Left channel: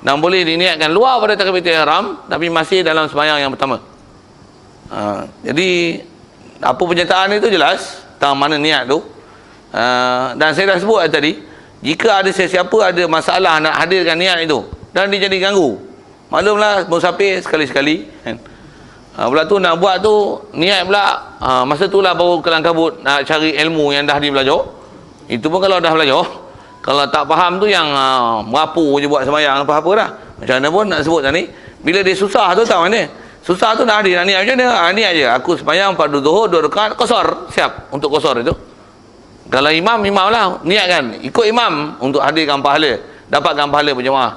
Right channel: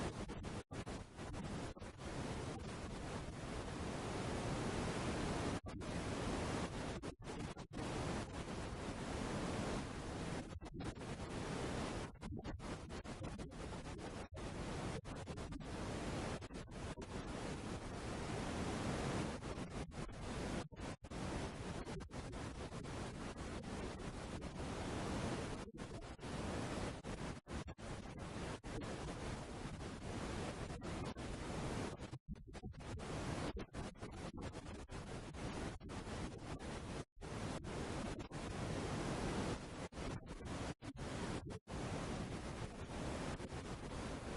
Dan boleh diniatkan luar pada takbiratul ihram tapi masih dalam sembahyang yang pertama. Jadi apa penyertaan itu jelas tentang mana niat tu. Dan saya dah sebut tadi, jika ada sesiapa ada masalah nak hadirkan niat itu dan dia jadi ganggu, maklumlah musafir sekali-sekali kan. Pula tu nak buat tu niat pula masa tu lah baru kelang kabut nak cari ilmu yang dah dia belajar. Itu pun kalau dah belajar, kalau tak faham tu yang merapu je buat sembahyang apa-apa dah. Macam mana pun nak sebut tadi, bila dia susah tu tahu mana? Susah tu nak hadir nak niat macam mana? Niat je aku sembahyang fardu zuhur 2 rakaat qasar, siap untuk qasar itu. Kalau imam lah niatkan ikut imam untuk hadirkan pahala, dapatkan pahala berjemaah.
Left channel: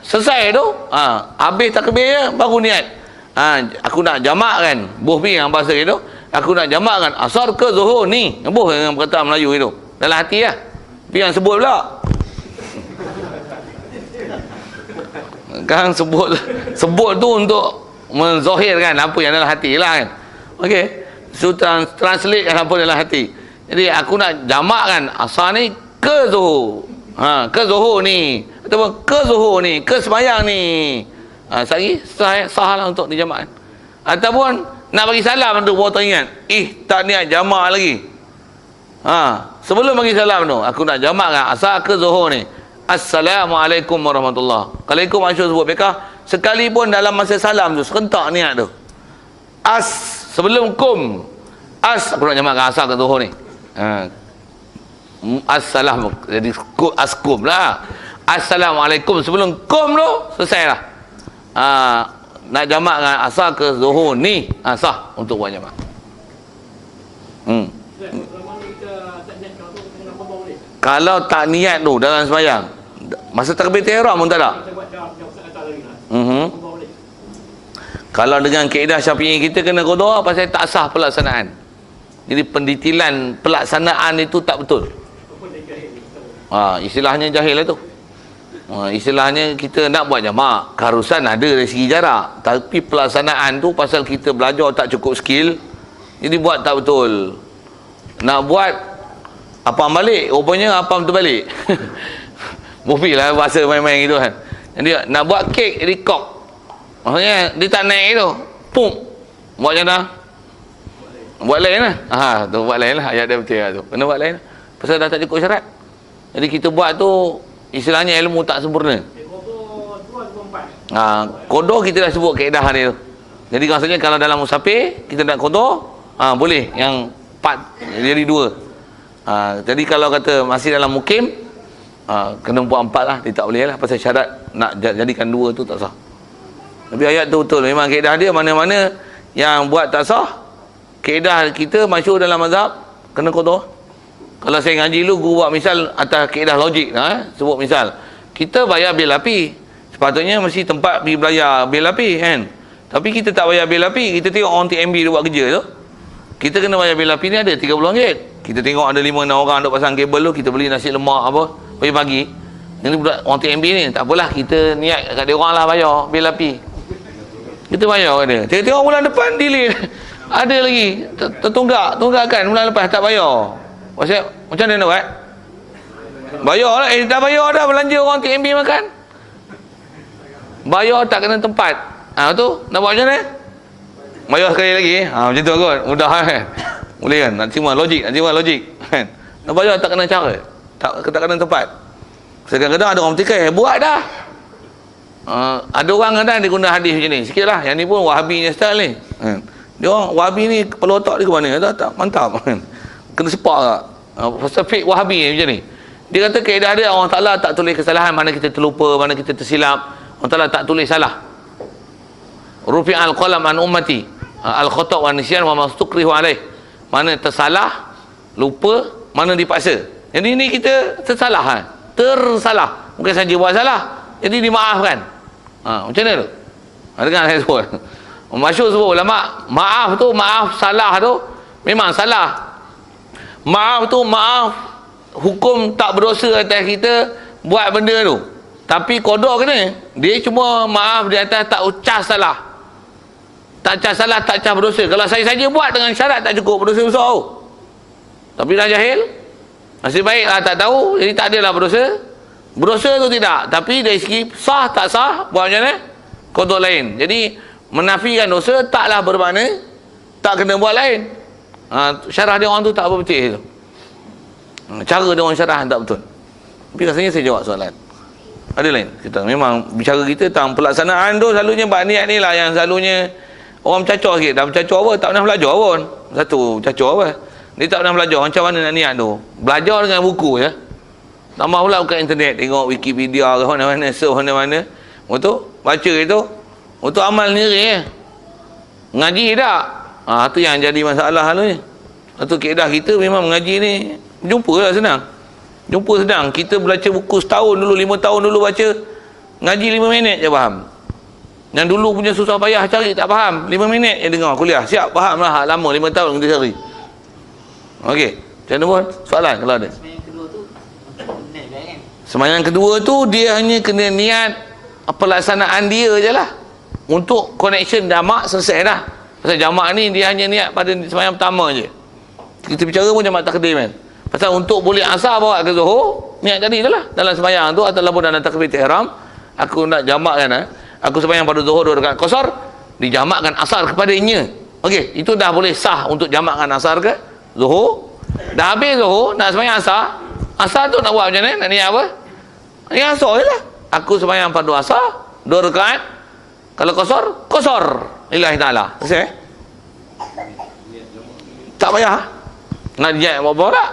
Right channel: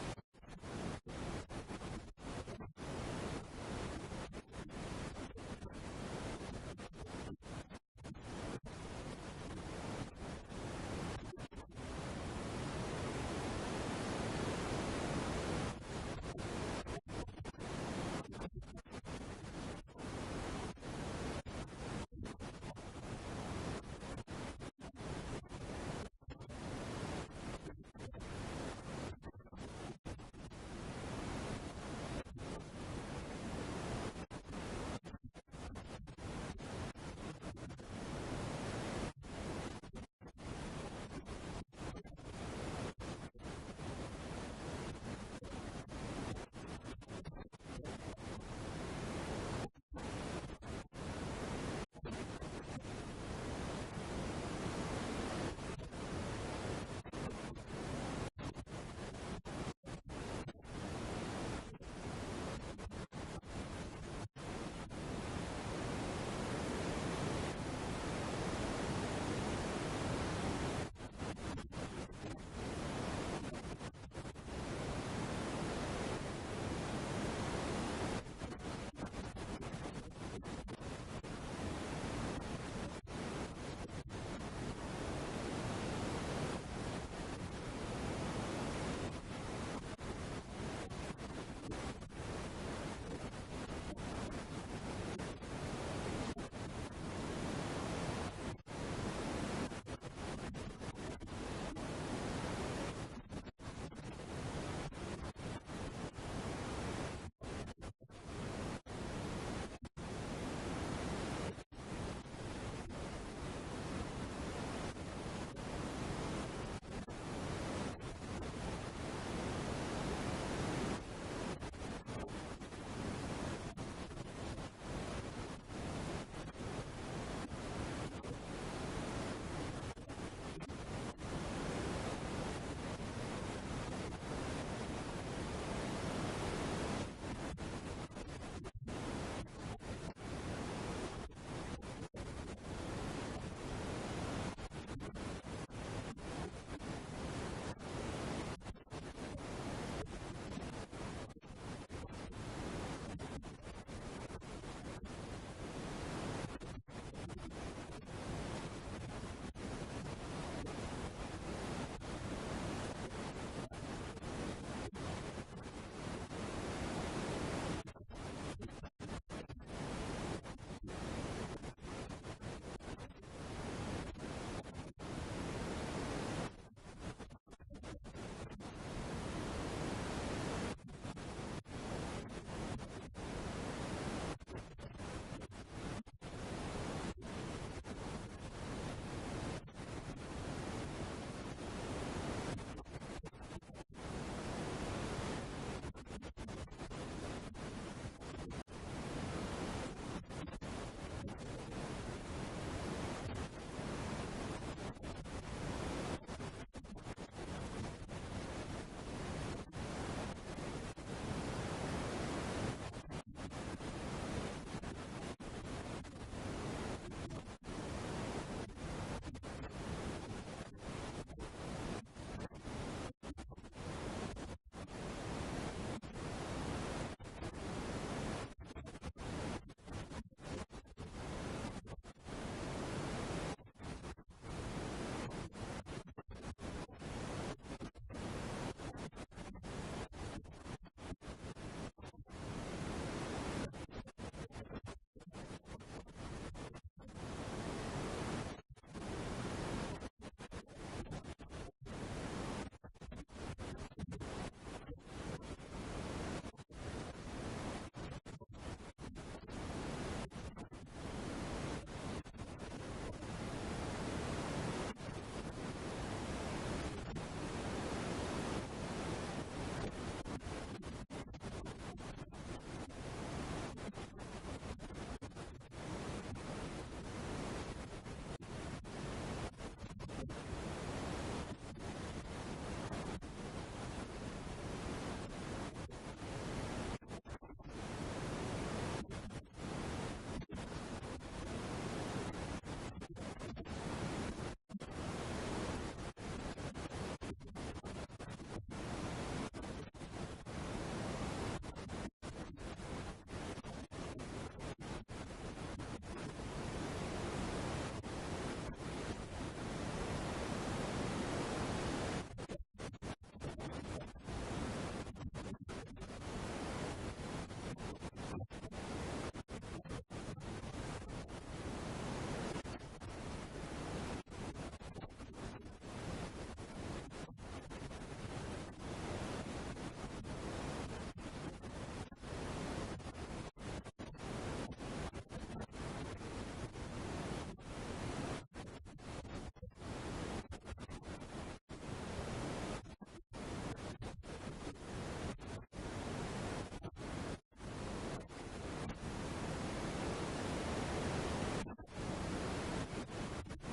Selesai tu, habis takbir je baru niat. Aku nak jamakkan buh yang bahasa itu, aku nak jamakkan asar ke zuhur ni. Buh dengan perkataan Melayu itu. Dalam hati lah. Tapi yang sebut pula. Kan sebut tu untuk menzahirkan apa yang dalam hati lah kan. Okey. So translate kan apa dalam hati. Jadi aku nak jamakkan asar ni ke zuhur. Ke zuhur ni. Ataupun ke zuhur ni, ke sembahyang ni. Sehari sah lah untuk dijamakkan. Ataupun nak bagi salam tu baru teringat, tak niat jamak lagi. Sebelum bagi salam tu aku nak jamakkan asar ke zuhur ni. Assalamualaikum warahmatullahi. Kalau ikut masyhur sebut bekah, sekalipun dalam masa salam tu serentak niat tu. Sebelum kum. Aku nak jamakkan asar ke zuhur ni. Assalam, jadi askum lah. Assalamualaikum sebelum kum tu selesai lah. Nak jamakkan asar ke zuhur ni sah untuk buat jamak. Kalau tak niat tu dalam sembahyang, masa takbiratul ihram pun tak ada. Kalau dengan kaedah Syafi'i kita kena qada pasal tak sah pelaksanaan. Jadi pendetilan pelaksanaan itu tak betul. Istilahnya jahil lah tu. Istilahnya kita nak buat jamak, keharusan ada dari segi jarak, tapi pelaksanaan tu pasal kita belajar tak cukup skill, jadi buat tak betul. Nak buat apam balik, rupanya apam terbalik. Bufi lah bahasa main-main gitu kan. Jadi nak buat kek jadi kok, maksudnya dia tak naik tu, pum, buat macam mana? Buat lain lah. Tu buat lain lah, ayat dia betul lah tu, kena buat lain lah. Pasal dah tak cukup syarat. Jadi kita buat tu istilahnya ilmu tak sempurna. Qada kita dah sebut kaedah dia tu. Jadi maksudnya kalau dalam musafir kita nak qada, boleh yang 4 jadi 2. Jadi kalau kata masih dalam mukim, kena buat 4 lah, dia tak boleh lah pasal syarat nak jadikan 2 tu tak sah. Tapi ayat tu betul, memang kaedah dia mana-mana yang buat tak sah, kaedah kita masyhur dalam mazhab kena qada. Kalau saya ngaji dulu, guru buat misal atas kaedah logik, sebut misal kita bayar bil api, sepatutnya mesti tempat pergi bayar bil api kan. Tapi kita tak bayar bil api, kita tengok orang TMB dia buat kerja tu, kita kena bayar bil api ni ada RM30. Kita tengok ada 5-6 orang duk pasang kabel tu, kita beli nasi lemak apa pagi-pagi. Ini budak orang TMB ni, tak apalah kita niat kat dia orang lah bayar bil api, kita bayar kat dia. Tengok bulan depan delay ada lagi tunggakan bulan lepas tak bayar. Macam mana nak buat? Bayar lah. Dah bayar dah, belanja orang TMB makan. Bayar tak kena tempat. Tu nak buat macam mana? Bayar sekali lagi. Macam tu kot. Mudah kan? Boleh kan? Nak terima logik. Kan? Nak bayar tak kena cara. Tak kena tempat. Kadang-kadang ada orang petikai, buat dah. Ada orang kadang dia guna hadis macam ni. Sikit lah. Yang ni pun Wahabinya style ni. Dia orang Wahabi ni kepala otak dia ke mana? Tak mantap. Kena sepak tak? Pasal fake Wahabi macam ni. Dia kata kaedah dia Allah Ta'ala tak tulis kesalahan, mana kita terlupa, mana kita tersilap. Allah Ta'ala tak tulis salah. Rufi'al qalam an ummati al-khata' wa nisyan wa mastukrihu alaih. Mana tersalah, lupa, mana dipaksa. Jadi ni kita tersalah. Bukan saja buat salah, jadi dimaafkan. Macam mana tu? Dengar saya sebut. Masyhur sebut ulama, maaf tu, maaf salah tu memang salah. Maaf tu maaf, hukum tak berdosa atas kita buat benda tu. Tapi qada kena. Dia cuma maaf di atas tak ucap salah. Tak ucap salah, tak ucap berdosa. Kalau saya saja buat dengan syarat tak cukup, berdosa besar tu. Tapi dah jahil, nasib baik lah tak tahu, jadi tak adalah berdosa. Berdosa tu tidak. Tapi dari segi sah tak sah, buat macam mana? Konteks lain. Jadi menafikan dosa taklah bermakna tak kena buat lain. Syarah dia orang tu tak apa betul tu. Cara dia orang syarah tak betul. Tapi rasanya saya jawab soalan. Ada lain kita memang bicara kita tentang pelaksanaan tu selalunya bab niat ni lah yang selalunya orang bercacau sikit. Dah bercacau apa? Tak pernah belajar pun. Satu bercacau apa? Dia tak pernah belajar macam mana nak niat tu. Belajar dengan buku ya. Tambah pula buka internet, tengok Wikipedia ke mana-mana, surf mana-mana. Untuk baca itu, untuk amal sendiri ngaji tak? Tu yang jadi masalah ni. Satu keedah kita memang mengaji ni jumpa lah senang. Jumpa senang. Kita belajar buku setahun dulu, 5 tahun dulu baca. Ngaji 5 minit je faham. Yang dulu punya susah payah cari tak faham. 5 minit je dengar kuliah. Siap faham lah. Lama 5 tahun kita cari. Okey. Macam mana pun? Soalan kalau ada. Sembahyang kedua tu dia hanya kena niat pelaksanaan dia je lah. Untuk connection jamak selesai dah. Pasal jamak ni dia hanya niat pada sembahyang pertama je. Kita bicara pun jamak takdim kan. Pasal untuk boleh asar bawa ke Zuhur, niat tadi je lah. Dalam sembahyang tu ataupun dalam takbiratul ihram, aku nak jamakkan aku sembahyang pada Zuhur 2 rakaat qasar, dijamakkan asar kepadanya. Okey, itu dah boleh sah untuk jamakkan asar ke Zuhur. Dah habis Zuhur, nak sembahyang asar. Asar tu nak buat macam mana? Nak niat apa? Niat asar je lah. Aku sembahyang pada asar 2 rakaat. Kalau qasar lillahi ta'ala. Selesai? Tak payah. Nak niat apa tak?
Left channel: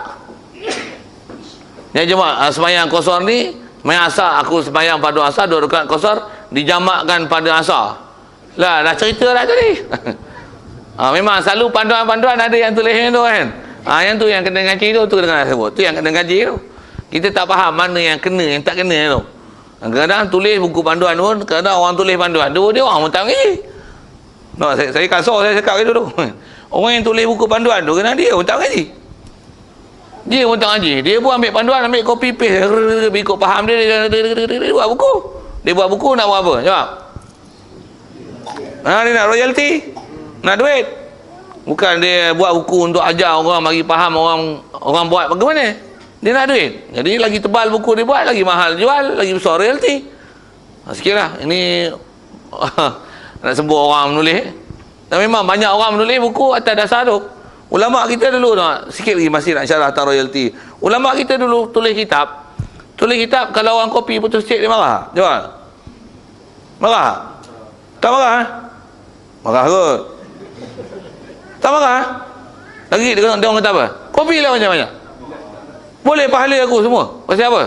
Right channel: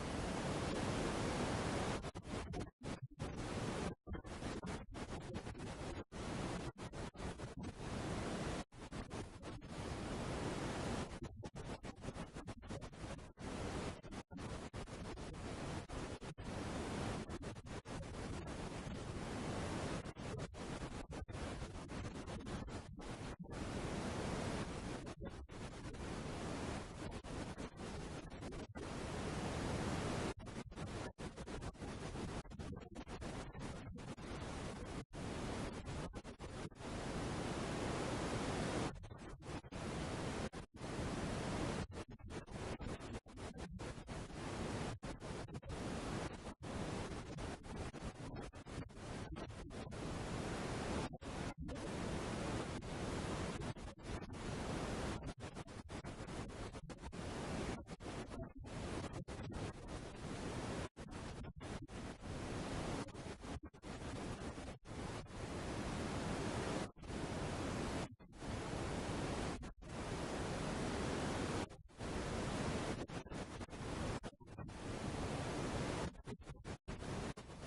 Niat jemaah sembahyang qasar ni, sembahyang asar, aku sembahyang pada asar 2 rakaat qasar, dijamakkan pada asar. Lah, dah cerita dah tadi. Memang selalu panduan-panduan ada yang tulis tu kan. Yang tu yang kena ngaji tu kena sebut. Tu yang kena ngaji tu. Kita tak faham mana yang kena, yang tak kena tu. Kadang-kadang tulis buku panduan pun, kadang orang tulis panduan tu dia orang pun tak ngaji. No, saya kasar saya cakap gitu tu. Orang yang tulis buku panduan tu kadang dia pun tak ngaji. Dia pun tak ngaji. Dia pun ambil panduan, ambil copy paste, ikut faham dia buat buku. Dia buat buku nak buat apa? Jawab. Dia nak royalty, nak duit. Bukan dia buat buku untuk ajar orang, bagi faham orang buat bagaimana. Dia nak duit. Jadi lagi tebal buku dia buat, lagi mahal jual, lagi besar royalty. Sikit lah. Ini nak sebut orang menulis. Dan memang banyak orang menulis buku atas dasar tu. Ulama kita dulu sikit lagi masih nak syarah tentang royalty. Ulama kita dulu tulis kitab. Tulis kitab kalau orang kopi putus cek dia marah. Jawab. Marah? Tak marah? Marah kot. Tak marah? Lagi dia orang kata apa? Kopi lah macam-macam. Boleh pahala aku semua. Pasal apa?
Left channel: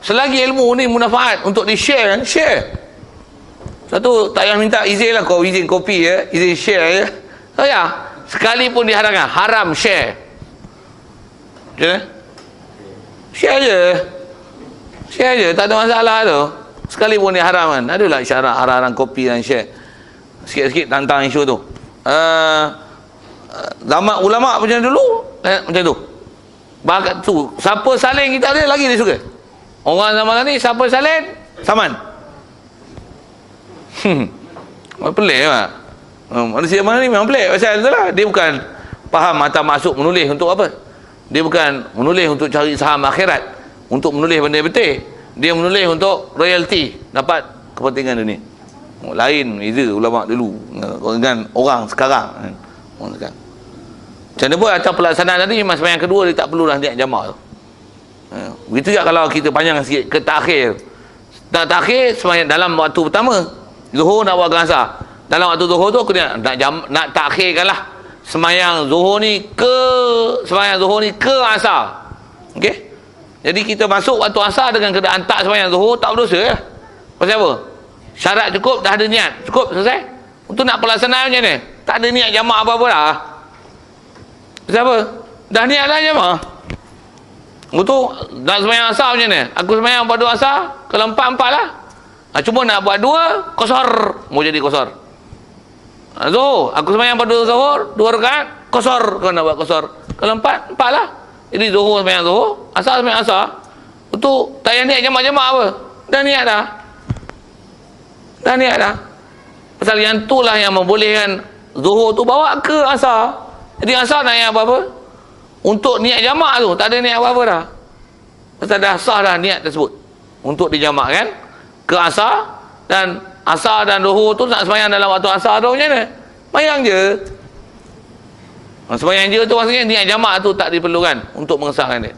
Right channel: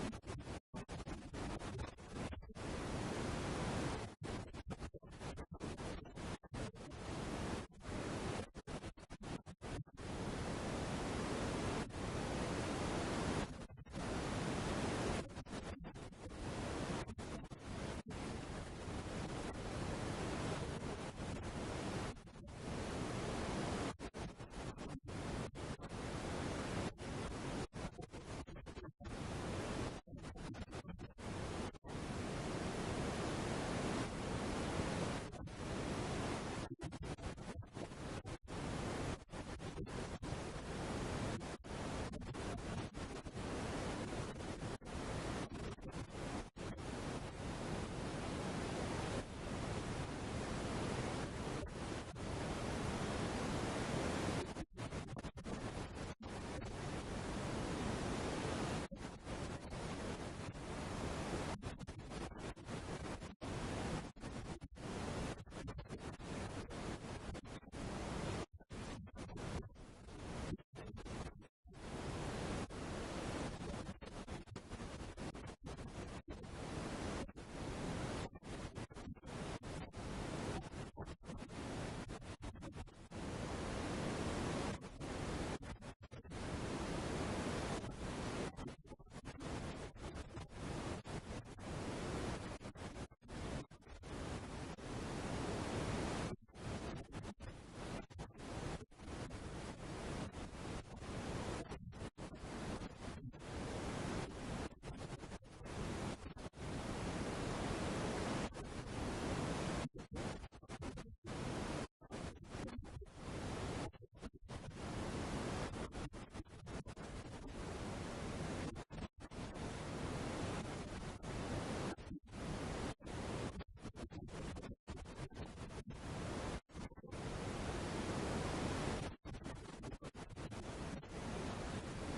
Selagi ilmu ni manfaat untuk di-share kan? Share. Satu tak payah minta izin lah. Kau izin kopi ya, izin share ya. Tak payah. Sekalipun diharamkan, haram share. Macam mana? Share je. Share je, tak ada masalah tu. Sekalipun diharamkan. Adalah isyarat haram kopi dan share. Sikit-sikit tentang isu tu. Zaman ulama macam dulu, macam tu. Bakat tu, siapa salin kita ada lagi dia suka. Orang zaman ni siapa salin, saman. Pelik lah. Manusia mana ni memang pelik. Pasal tu lah, dia bukan faham atau masuk menulis untuk apa. Dia bukan menulis untuk cari saham akhirat, untuk menulis benda betul. Dia menulis untuk royalty, dapat kepentingan dunia. Lain beza ulama dulu dengan orang sekarang. Orang sekarang. Macam mana pun atas pelaksanaan tadi, memang sembahyang kedua dia tak perlulah niat jamak tu. Begitu juga kalau kita panjang sikit ke takhir. Tak takhir sembahyang dalam waktu pertama. Zuhur nak buat asar. Dalam waktu zuhur tu aku nak takhirkanlah sembahyang zuhur ni ke asar. Okey? Jadi kita masuk waktu asar dengan keadaan tak sembahyang zuhur, tak berdosa ya. Pasal apa? Syarat cukup, dah ada niat. Cukup, selesai. Untuk nak pelaksanaan macam ni, tak ada niat jamak apa-apa dah. Pasal apa? Dah niat dah jamak. Untuk nak sembahyang asar macam ni. Aku sembahyang pada asar, kalau 4 lah. Cuma nak buat 2, qasar. Mau jadi qasar. Zuhur, aku sembahyang pada zuhur 2 rakaat, qasar. Kalau nak buat qasar. Kalau 4 lah. Jadi zuhur sembahyang zuhur, asar sembahyang asar. Untuk tak payah niat jamak-jamak apa. Dah niat dah. Dah niat dah. Pasal yang tu lah yang membolehkan zuhur tu bawa ke asar. Jadi asar nak niat apa-apa? Untuk niat jamak tu, tak ada niat apa-apa dah. Pasal dah sah dah niat tersebut. untuk dijamakkan ke asar, dan asar dan zuhur tu nak sembahyang dalam waktu asar tu macam mana? Sembahyang je. Sembahyang je tu maksudnya niat jamak tu tak diperlukan untuk mengesahkan dia.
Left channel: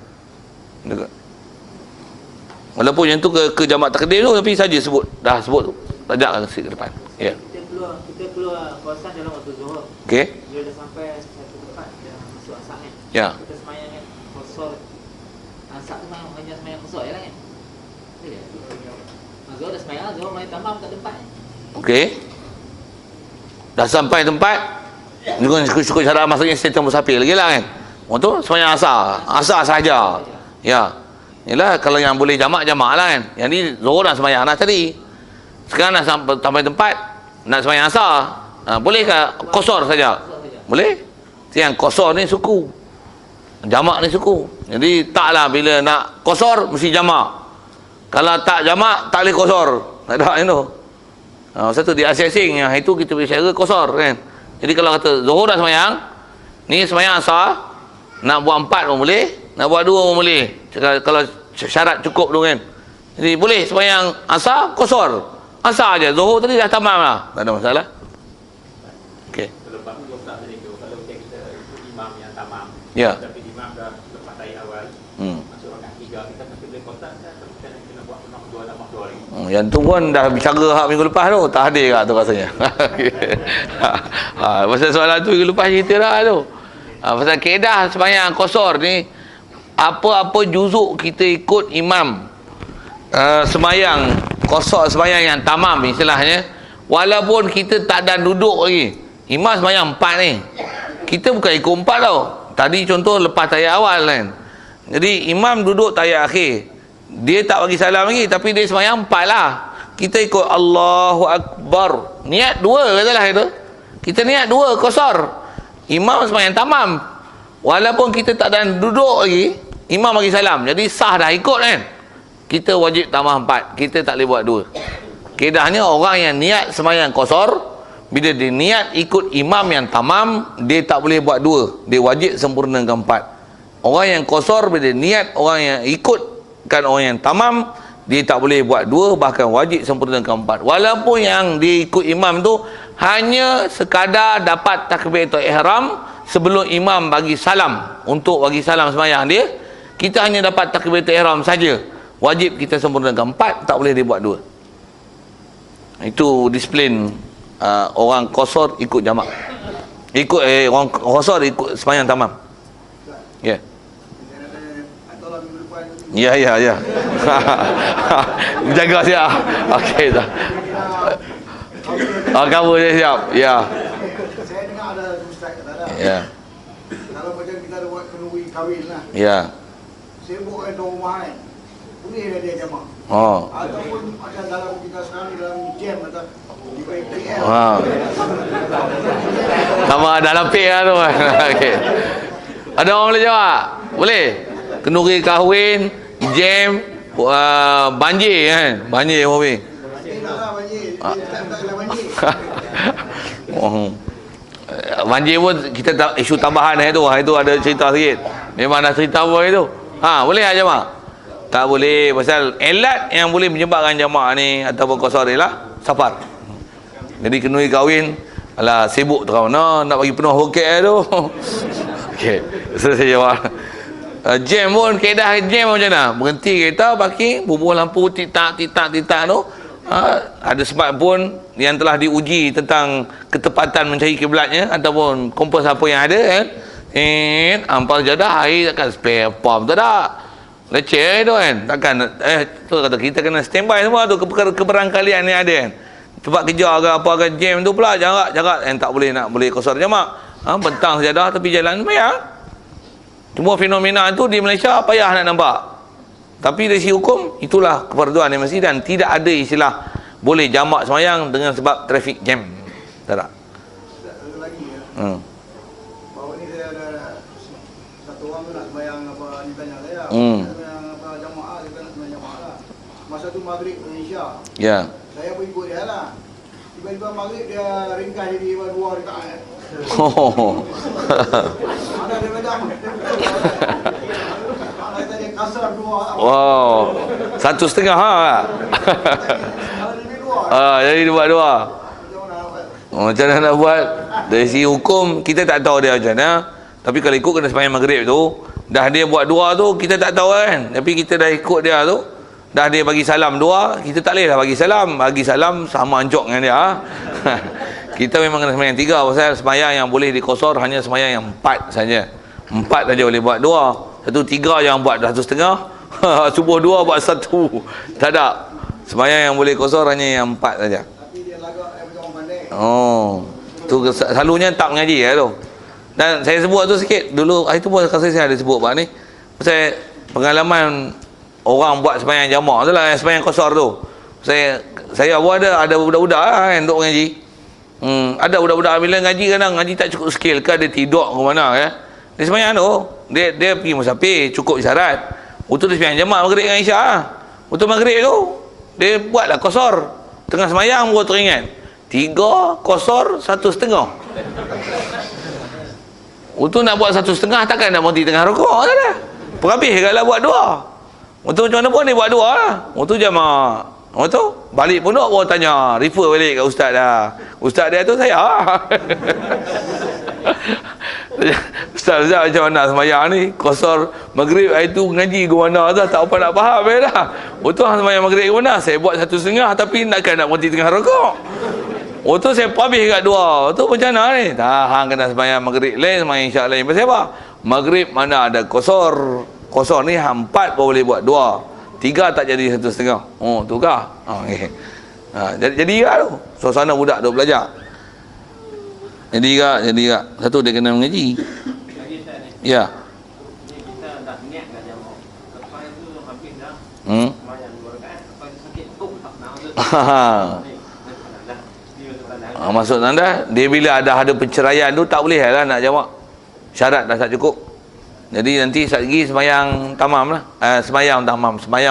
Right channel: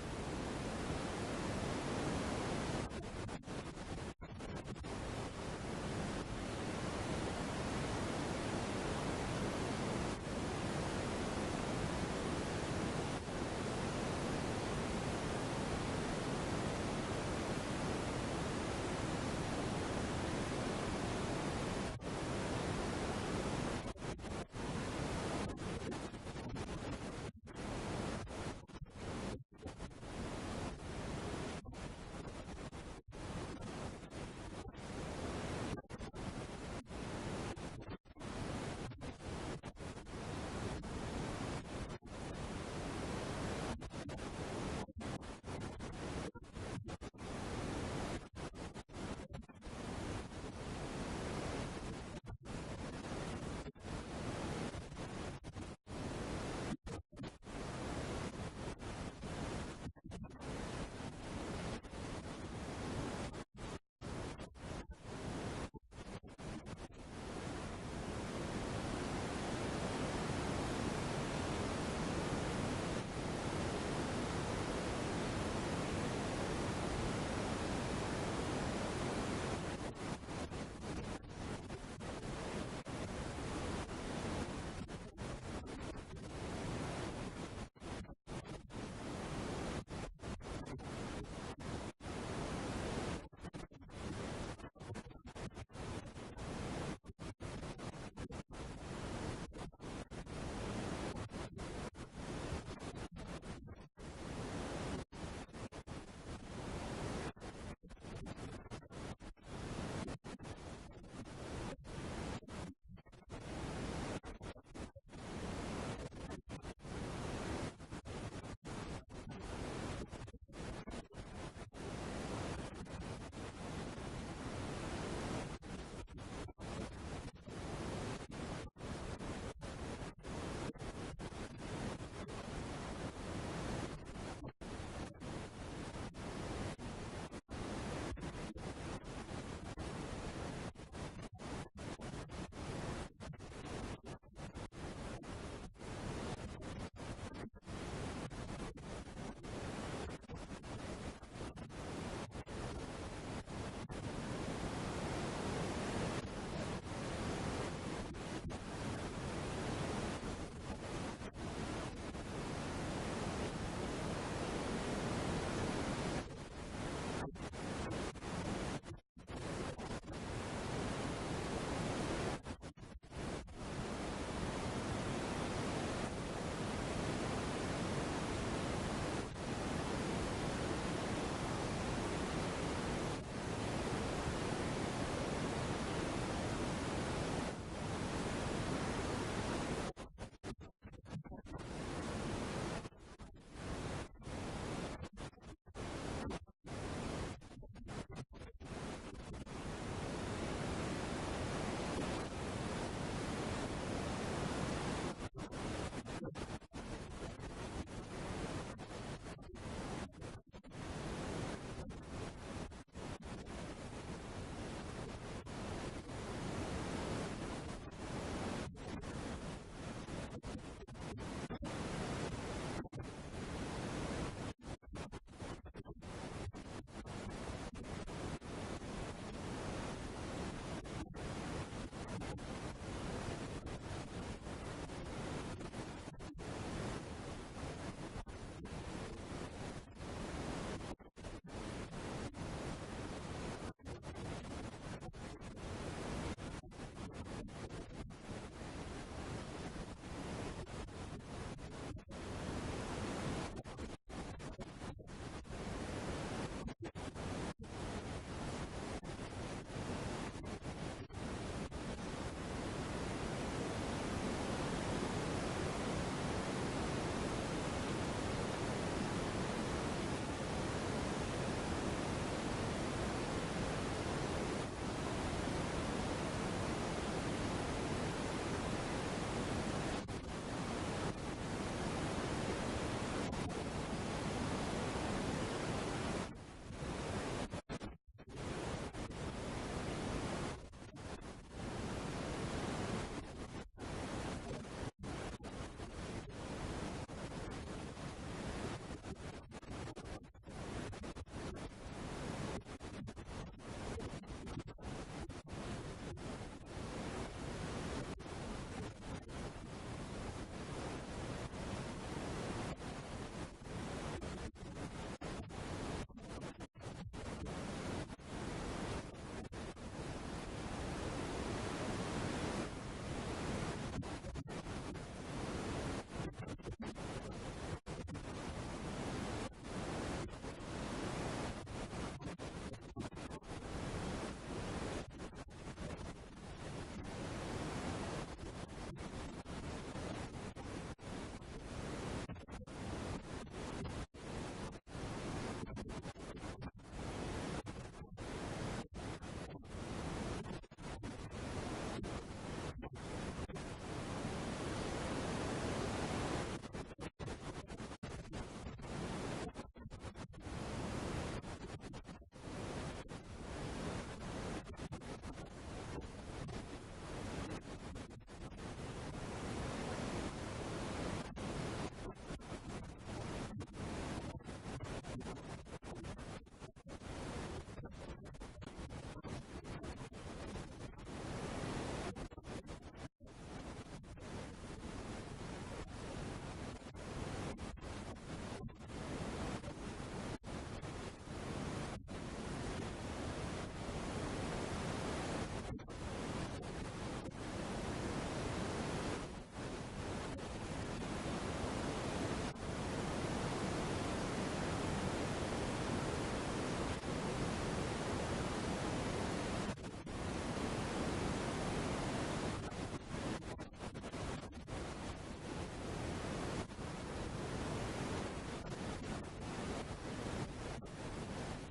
Walaupun yang tu ke jamak takdim tu, tapi saja sebut, dah sebut tu. Tajakkan ke depan. Ya. Kita keluar kawasan dalam waktu zuhur. Okey. Dia dah sampai satu tempat yang masuk asar kan. Ya. Kita semayang kan kosor. Asar tu semayang kosor je lah kan. Zuhur dah semayang, zuhur main tamam kat tempat. Okey. Dah sampai tempat. Ni kan syukur cara maksudnya sistem musafir lagi lah kan. Untuk semayang asar. Asar sahaja. Ya. Yalah, kalau yang boleh jamak lah kan. Yang ni zuhur dah semayang dah tadi. Sekarang dah sampai tempat nak semayang asar. Boleh ke kosor saja? Boleh. Yang kosor ni suku. Jamak ni suku. Jadi taklah bila nak kosor mesti jamak. Kalau tak jamak tak boleh kosor. Tak ada yang tu. Satu dia asing-asing yang itu kita bicara kosor kan. Jadi kalau kata zuhur dah semayang, ni semayang asar, nak buat 4 pun boleh, nak buat 2 pun boleh. Kalau syarat cukup tu kan. Jadi boleh semayang asar, kosor. Asar aja. Zuhur tadi dah tamam lah. Tak ada masalah. Okey. Ya. Yang tu pun dah bicara hak minggu lepas tu, tak hadir kat tu rasanya. Pasal soalan tu minggu lepas cerita dah tu. Pasal kaedah sembahyang kosor ni, apa-apa juzuk kita ikut imam sembahyang kosor, sembahyang yang tamam istilahnya, walaupun kita tak ada duduk lagi, imam sembahyang 4 ni, kita bukan ikut 4 tau. Tadi contoh lepas tayat awal kan, jadi imam duduk tayat akhir, dia tak bagi salam lagi, tapi dia sembahyang 4 lah. Kita ikut Allahu Akbar, niat 2 katalah itu, kita niat 2 kosor, imam sembahyang tamam, walaupun kita tak ada duduk lagi, imam bagi salam, jadi sah dah ikut kan. Kita wajib tambah 4, kita tak boleh buat 2. Kedahnya orang yang niat sembahyang kosor, bila dia niat ikut imam yang tamam, dia tak boleh buat 2, dia wajib sempurnakan 4. Orang yang kosor bila dia niat orang yang ikutkan orang yang tamam, dia tak boleh buat 2, bahkan wajib sempurnakan 4. Walaupun yang dia ikut imam tu hanya sekadar dapat takbiratul ihram sebelum imam bagi salam, untuk bagi salam sembahyang dia, kita hanya dapat takbiratul ihram saja, wajib kita sempurnakan 4, tak boleh dia buat 2. Itu disiplin orang kosor ikut jamak. Orang kosor ikut sembahyang tamam. Ya. Ya. Jaga siap. Okey dah. Kamu dia siap. Ya. Saya dengar ada ustaz kata Ya. kalau macam kita ada buat kenduri kahwin lah. Ya. Sibuk kan tuan rumah kan. Boleh dia jamak. Oh. Ataupun macam dalam kita sekarang ni dalam jam kata di PL. Sama dalam pay lah tu. Okey. Ada orang boleh jawab? Boleh. Kenduri kahwin, jam, banjir kan. Banjir mobil. Banjir pun kita isu tambahan itu ada cerita sikit. Memang dah cerita apa itu. Boleh tak jemaah? Tak boleh, pasal elat yang boleh menyebabkan jemaah ni ataupun kosor ialah safar. Jadi kenduri kahwin, alah sibuk terau nak bagi penuh hoket tu. Okey, saya jawab. Jam pun, kaedah jam macam mana? Berhenti kereta, parking, bubuh lampu titak tu. Ada sebab pun yang telah diuji tentang ketepatan mencari kiblatnya ataupun kompas apa yang ada kan. Ampal jadah air takkan spare pump tak ada. Leceh tu kan. Takkan tu kata kita kena standby semua tu keberangkalian ni ada kan. Sebab kerja ke apa ke jam tu pula jarak tak boleh kosor jamak. Bentang sajadah tepi jalan payah. Cuma fenomena tu di Malaysia payah nak nampak. Tapi dari segi hukum itulah kefarduan yang mesti, dan tidak ada istilah boleh jamak sembahyang dengan sebab traffic jam. Tak ada. Bahawa ni saya ada satu orang tu nak sembahyang apa ni tanya saya. Apa jamaah kita nak sembahyang jamaah lah. Masa tu maghrib Malaysia. Ya. Saya pun ikut dia lah. Tiba-tiba maghrib dia ringkas jadi 2 rakaat. Ada dia macam. Ada dia kasar 2. Wow. 1,5 ha. Jadi dia buat 2. Macam mana nak buat? Dari segi hukum kita tak tahu dia macam mana. Tapi kalau ikut kena sembahyang maghrib tu, dah dia buat 2 tu kita tak tahu kan. Tapi kita dah ikut dia tu, dah dia bagi salam 2, kita tak boleh dah bagi salam. Bagi salam sama ancok dengan dia. Kita memang kena sembahyang 3 pasal sembahyang yang boleh dikosor hanya sembahyang yang 4 saja. 4 saja boleh buat 2. Satu 3 yang buat 1,5. Subuh 2 buat 1. Tak ada. Sembahyang yang boleh kosor hanya yang 4 saja. Tapi dia lagak orang pandai. Oh. Tu selalunya tak mengaji tu. Dan saya sebut tu sikit dulu hari tu pun saya ada sebut bab ni. Pasal pengalaman orang buat sembahyang jamak tu lah, sembahyang kosor tu. Saya pun ada budak-budak lah kan duk mengaji. Ada budak-budak bila ngaji kadang ngaji tak cukup skill ke dia tidur ke mana ya. Dia sembahyang tu, dia pergi musafir cukup syarat. Waktu dia sembahyang jamak maghrib dengan isyak ah. Waktu maghrib tu dia buatlah kosor. Tengah sembahyang baru teringat. 3 kosor 1,5. Waktu nak buat 1,5 takkan nak berhenti tengah rukuk tak dah. Perhabis kalau buat 2. Waktu macam mana pun dia buat 2 lah. Waktu jamak. Waktu balik pondok baru tanya, refer balik kat ustaz dah. Ustaz dia tu saya. Ustaz macam mana sembahyang ni? Kosor maghrib hari tu ngaji ke mana dah, tak apa nak faham dah. Waktu sembahyang maghrib ke mana? Saya buat 1,5 tapi nak berhenti tengah rukuk. Waktu saya habis kat 2. Tu macam mana ni? Hang kena sembahyang maghrib lain, sembahyang isyak lain. Pasal apa? Maghrib mana ada kosor. Kosor ni 4 baru boleh buat 2. 3 tak jadi 1,5. Oh, tu kah? Okay. Jadi kan tu. Suasana budak tu belajar. Jadi kan. Satu dia kena mengaji. Ya. Maksud anda dia bila ada penceraian tu tak boleh lah nak jamak. Syarat dah tak cukup. Jadi nanti sekali lagi sembahyang tamam lah. Sembahyang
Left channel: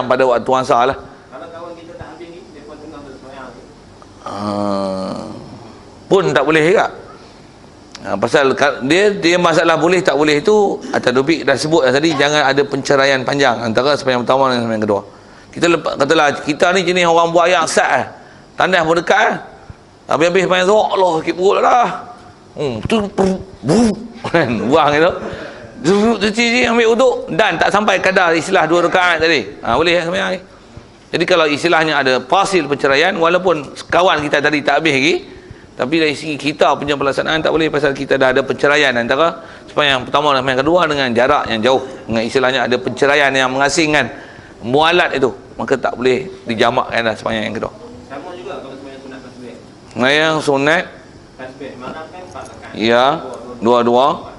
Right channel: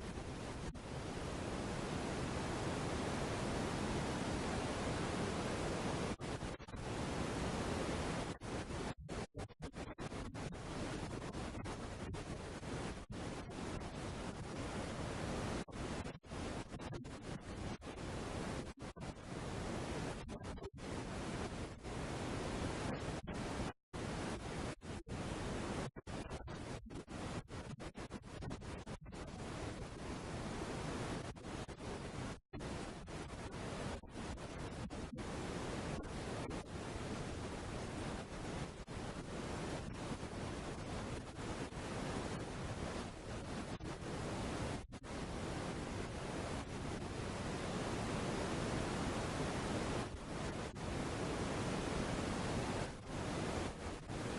pada waktu asar lah. Kalau kawan kita tak habis ni, dia pun tengah sembahyang. Pun tak boleh juga. Pasal dia masalah boleh tak boleh tu atas topik dah sebut tadi, jangan ada penceraian panjang antara sembahyang pertama dengan sembahyang kedua. Katalah kita ni jenis orang buat ayat sat tandas pun dekat habis sembahyang tu Allah sakit perut dah. Tu buang itu. Cuci ambil wuduk dan tak sampai kadar istilah 2 rakaat tadi. Boleh sembahyang ni. Jadi kalau istilahnya ada fasil perceraian, walaupun kawan kita tadi tak habis lagi, tapi dari segi kita punya pelaksanaan tak boleh pasal kita dah ada perceraian antara sembahyang pertama dan sembahyang kedua dengan jarak yang jauh. Dengan istilahnya ada perceraian yang mengasingkan mualat itu, maka tak boleh dijamakkan dah sembahyang yang kedua. Sama juga kalau sembahyang sunat tasbih. Sembahyang sunat Tasbih mana kan 4 rakaat. ya, 2-2.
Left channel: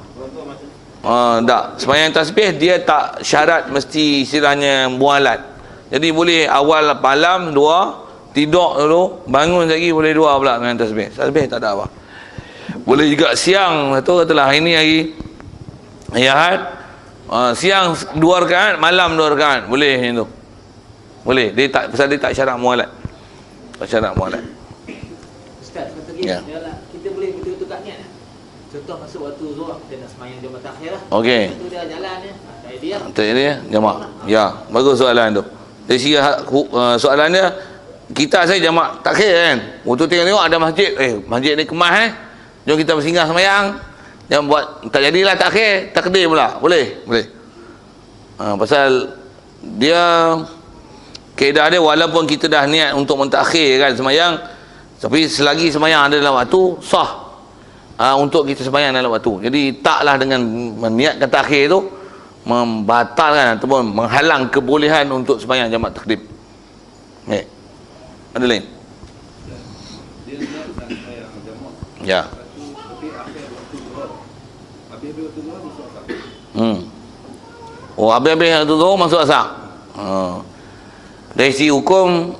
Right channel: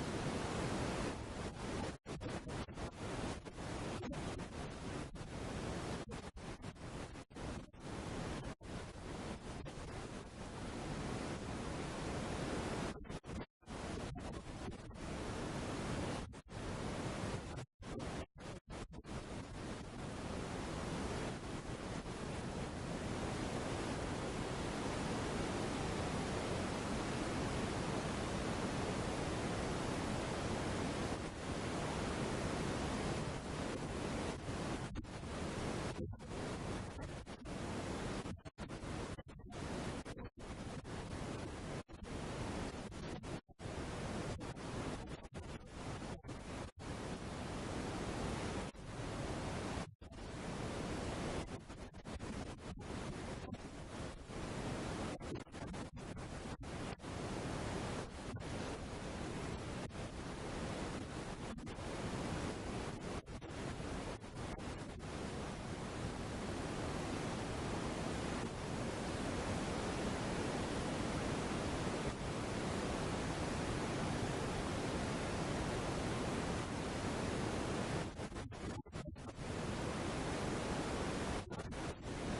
Tak, sembahyang tasbih dia tak syarat mesti istilahnya mualat. Jadi boleh awal malam 2, tidur dulu, bangun lagi boleh 2 pula sembahyang tasbih. Tasbih tak ada apa. Boleh juga siang, satu katalah hari ni hari Ahad, siang 2 rakaat, malam 2 rakaat, boleh macam tu. Boleh, dia tak pasal dia tak syarat mualat. Tak syarat mualat. Ustaz kata gini, Ya. kita boleh betul-betul tak niat. Contoh masuk waktu zuhur kita nak sembahyang Jumaat akhir lah. Okey. Itu dia jalan dia. Idea. Dia jamak. Ya, bagus soalan tu. Dari segi soalan dia, kita saya jamak takhir kan. Waktu tengok ada masjid, masjid ni kemas jom kita bersinggah sembahyang. Jangan buat tak jadilah takhir, takdim pula. Boleh. Pasal dia kaedah dia walaupun kita dah niat untuk mentakhirkan sembahyang, tapi selagi sembahyang ada dalam waktu sah. Untuk kita sembahyang dalam waktu. Jadi taklah dengan meniatkan takhir tu membatalkan ataupun menghalang kebolehan untuk sembahyang jamak takdim. Ada lain? Ya. Habis-habis tu masuk asar. Dari segi hukum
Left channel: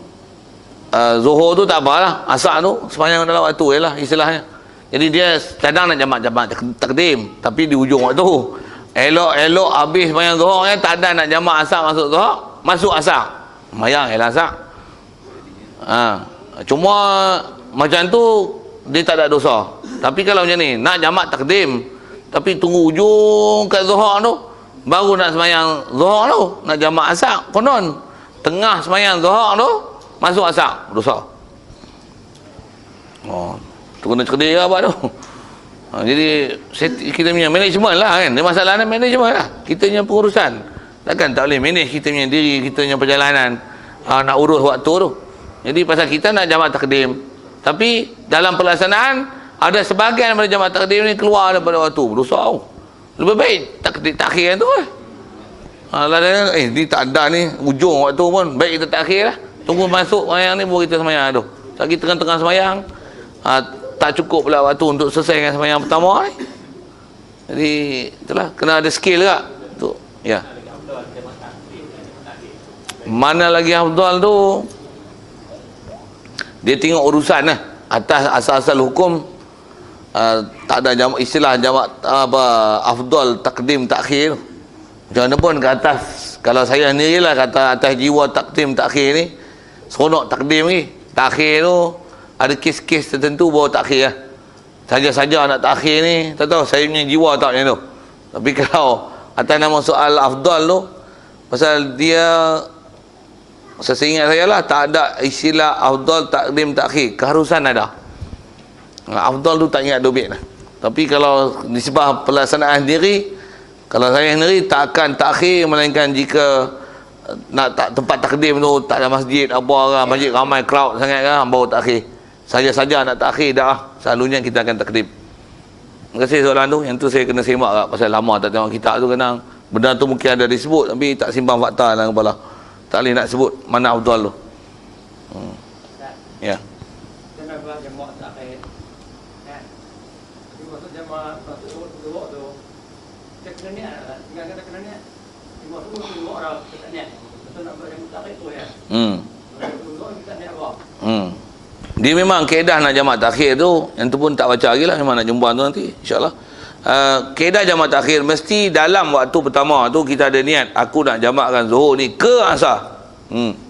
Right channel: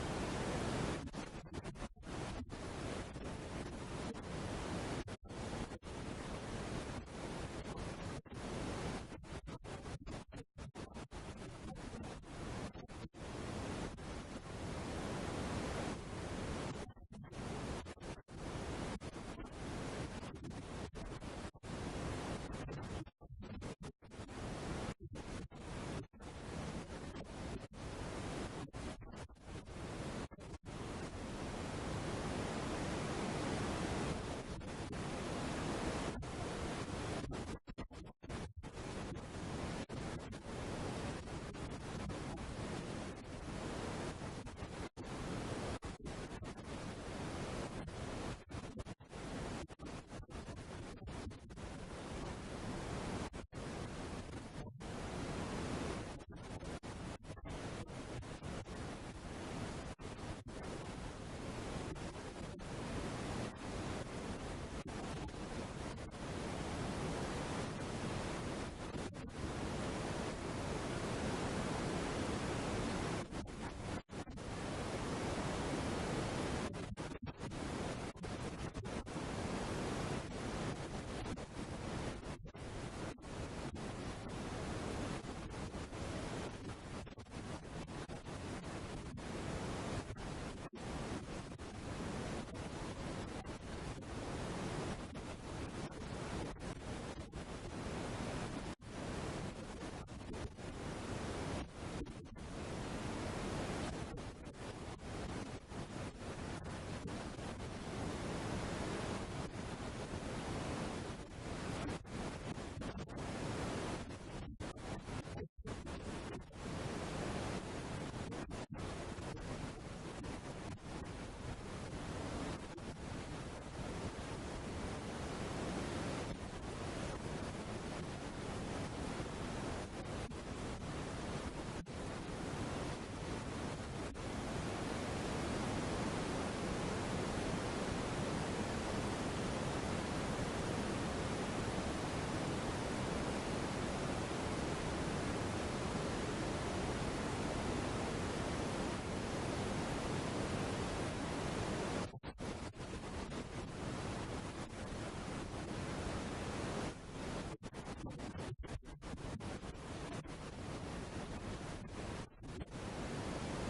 zuhur tu tak apalah, asar tu sembahyang dalam waktu ialah istilahnya. Jadi dia kadang nak jamak takdim tapi di ujung waktu. Elok-elok habis sembahyang zuhur tak ada nak jamak asar masuk zuhur, masuk asar. Sembahyang ialah asar. Cuma macam tu dia tak ada dosa. Tapi kalau macam ni nak jamak takdim tapi tunggu ujung kat zuhur tu baru nak sembahyang zuhur tu, nak jamak asar konon tengah semayang Zuhur tu masuk asar, dosa. Tu kena cerdik lah apa tu. Jadi kita punya management lah kan. Masalah ni management lah. Kita punya pengurusan. Takkan tak boleh manage kita punya diri, kita punya perjalanan, nak urus waktu tu. Jadi pasal kita nak jamak takdim, tapi dalam pelaksanaan ada sebahagian daripada jamak takdim ni keluar daripada waktu. Dosa. Lebih baik takhir tu lah. Ni tak ada ni ujung waktu pun, baik kita takhir lah. Tunggu masuk semayang ni baru kita semayang tu. Tak kita tengah-tengah semayang, tak cukup pula waktu untuk selesaikan semayang pertama ni. Jadi itulah, kena ada skill juga tu. Ya. Mana lagi afdal tu, dia tengok urusan lah. Atas asal-asal hukum, tak ada jamak, istilah jamak apa afdal takdim takhir. Macam mana pun ke atas, kalau saya sendirilah kata atas jiwa takdim takhir ni, seronok takdim ni. Takhir tu ada kes-kes tertentu baru takhir lah. Saja-saja nak takhir ni, tak tahu saya punya jiwa tak macam tu. Tapi kalau atas nama soal afdal tu, pasal dia, seingat saya lah, tak ada istilah afdal takdim takhir, keharusan ada. Afdal tu tak ingat dobit lah. Tapi kalau nisbah pelaksanaan sendiri, kalau saya sendiri tak akan takhir, melainkan jika nak tempat takdim tu tak ada masjid apa kan, masjid ramai crowd sangat kan, baru takhir. Saja-saja nak takhir dah, selalunya kita akan takdim. Terima kasih soalan tu. Yang tu saya kena semak kat, pasal lama tak tengok kitab tu, kena benda tu mungkin ada disebut tapi tak simpan fakta dalam kepala. Tak boleh nak sebut mana afdal tu. Ya. Dia memang kaedah nak jamak takhir tu, yang tu pun tak baca lagi lah, memang nak jumpa tu nanti insyaAllah. Kaedah jamak takhir mesti dalam waktu pertama tu kita ada niat, aku nak jamakkan Zuhur ni ke asar,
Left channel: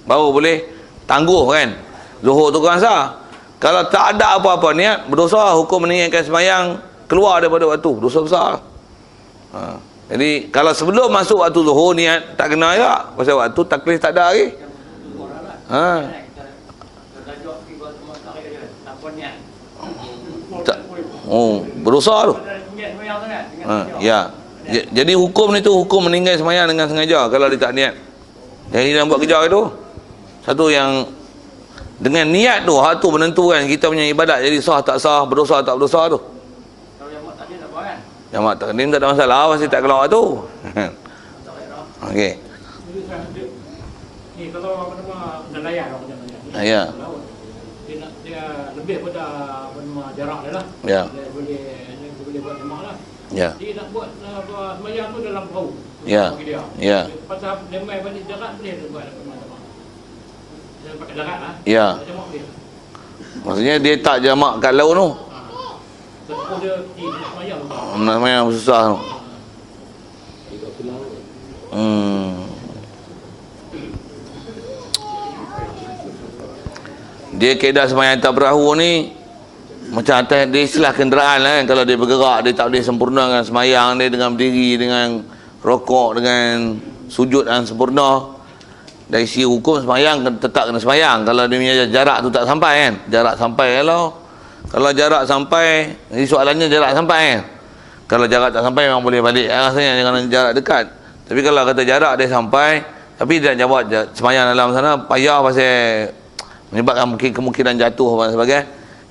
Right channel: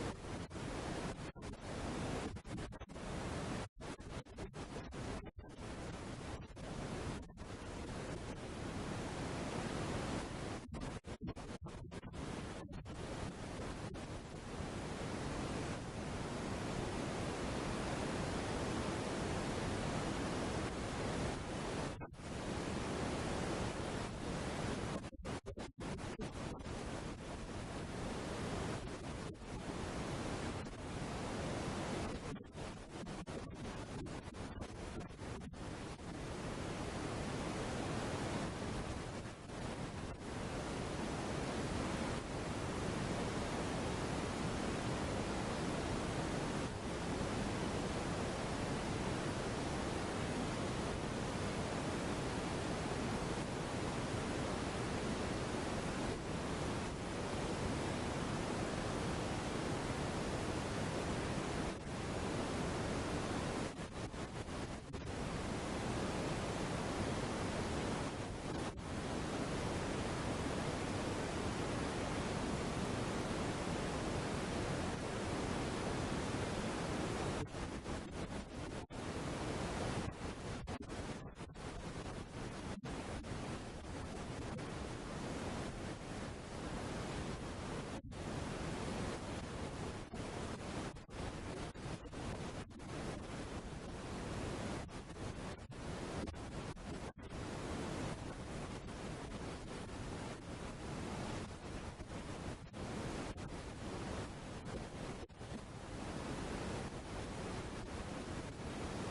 baru boleh tangguh kan Zuhur tu ke asar. Kalau tak ada apa-apa niat, berdosa, hukum meninggalkan semayang keluar daripada waktu, dosa besar. Jadi kalau sebelum masuk waktu Zuhur niat tak kena ya, pasal waktu taklif tak ada lagi. Berdosa tu. Ya. Jadi hukum ni tu, hukum meninggal semayang dengan sengaja kalau dia tak niat. Jadi dia buat kerja itu. Satu yang dengan niat tu, hak tu menentukan kita punya ibadat jadi sah tak sah, berdosa tak berdosa tu. Jamak takdim tak ada masalah, pasti tak keluar tu. Okey. Ni kalau apa-apa nelayan Ya. Dia lebih pada jarak dia lah. Ya. Dia boleh buat semak lah. Ya. Dia nak buat semayang tu dalam perahu. Ya. Ya. Pasal dia main balik jarak boleh dia buat. Dia pakai jarak lah. Ya. Maksudnya dia tak jamak kat laut tu. Lepas dia semayang. Nak semayang susah tu. Dia kaedah semayang atas perahu ni macam atas dia istilah kenderaan lah kan. Kalau dia bergerak, dia tak boleh sempurnakan semayang dia dengan berdiri, dengan rokok, dengan sujud yang sempurna. Dari sisi hukum semayang tetap kena semayang kalau dia punya jarak tu tak sampai kan. Jarak sampai kalau jarak sampai, jadi soalannya jarak sampai kan. Kalau jarak tak sampai memang boleh balik rasanya dengan jarak dekat. Tapi kalau kata jarak dia sampai tapi dia nak jawab semayang dalam sana, payah pasal menyebabkan mungkin kemungkinan jatuh dan sebagainya.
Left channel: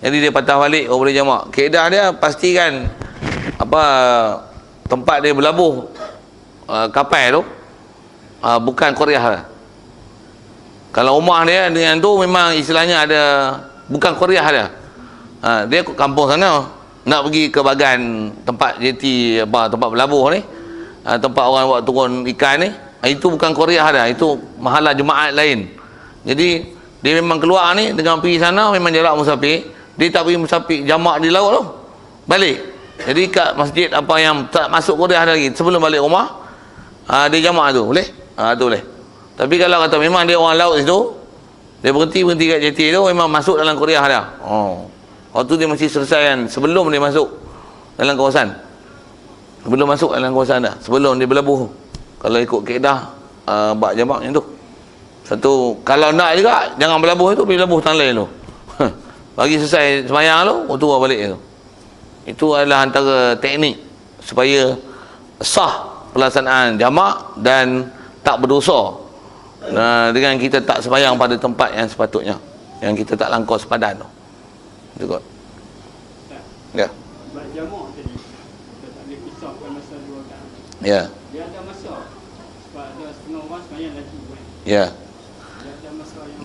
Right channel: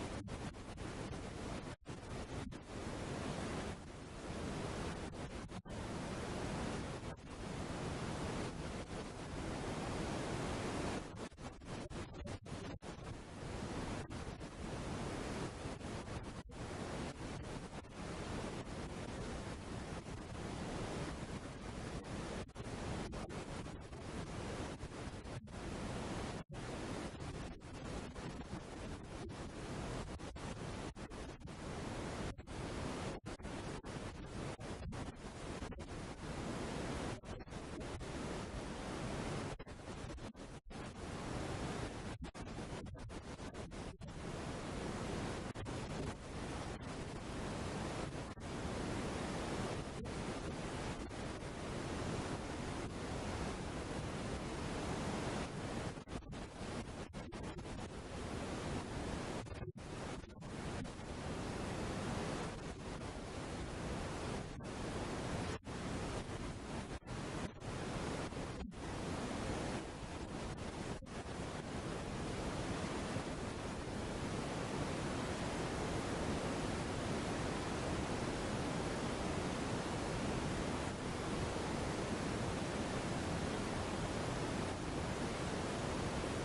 Jadi dia patah balik, boleh jamak. Kaedah dia pastikan apa tempat dia berlabuh kapal tu bukan Korea lah. Kalau rumah dia dengan tu memang istilahnya ada bukan Korea dia. Dia kampung sana nak pergi ke bagan tempat jeti apa tempat berlabuh ni, tempat orang buat turun ikan ni, itu bukan Korea dia, itu mahalah jemaat lain. Jadi dia memang keluar ni dengan pergi sana memang jarak musafir. Dia tak pergi musafir jamak di laut tu, balik. Jadi kat masjid apa yang tak masuk Korea lagi, sebelum balik rumah dia jamak tu boleh. Tu boleh. Tapi kalau kata memang dia orang laut situ, dia berhenti kat jeti tu, memang masuk dalam Korea dia. Waktu dia mesti selesaikan sebelum dia masuk dalam kawasan. Sebelum masuk dalam kawasan dah, sebelum dia berlabuh. Kalau ikut kaedah buat jamak macam tu. Satu, kalau nak juga jangan berlabuh tu, pergi berlabuh tangan lain tu. Bagi selesai sembahyang tu, turun balik tu. Itu adalah antara teknik supaya sah pelaksanaan jamak dan tak berdosa dengan kita tak sembahyang pada tempat yang sepatutnya, yang kita tak langkau sepadan tu. Itu kot. Ya. Jamak tadi. Ambil kisah pada masa 2 rakaat. Ya. Dia ada masa. Sebab dia setengah mas semayang lagi. Ya.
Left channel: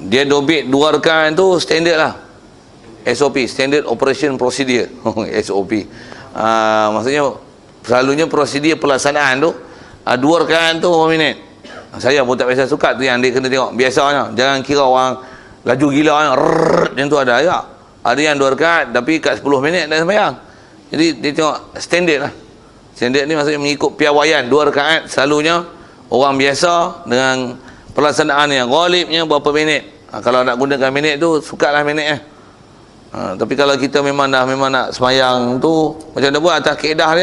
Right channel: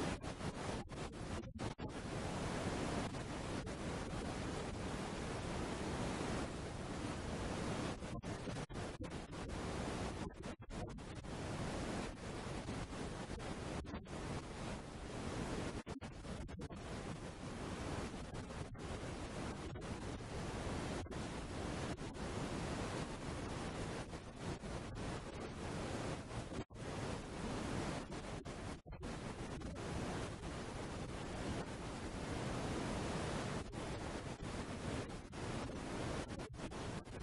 Dia dobit 2 rakaat tu standard lah. SOP, Standard Operation Procedure. SOP. Maksudnya selalunya prosedur pelaksanaan tu 2 rakaat tu 1 minit. Saya pun tak biasa suka tu yang dia kena tengok. Biasanya jangan kira orang laju gila yang tu ada ya. Ada yang 2 rakaat tapi kat 10 minit dah sembahyang. Jadi dia tengok standard lah. Standard ni maksudnya mengikut piawaian 2 rakaat selalunya orang biasa dengan pelaksanaan yang ghalibnya berapa minit. Kalau nak gunakan minit tu sukalah minit tapi kalau kita memang nak sembahyang tu macam mana buat atas kaedah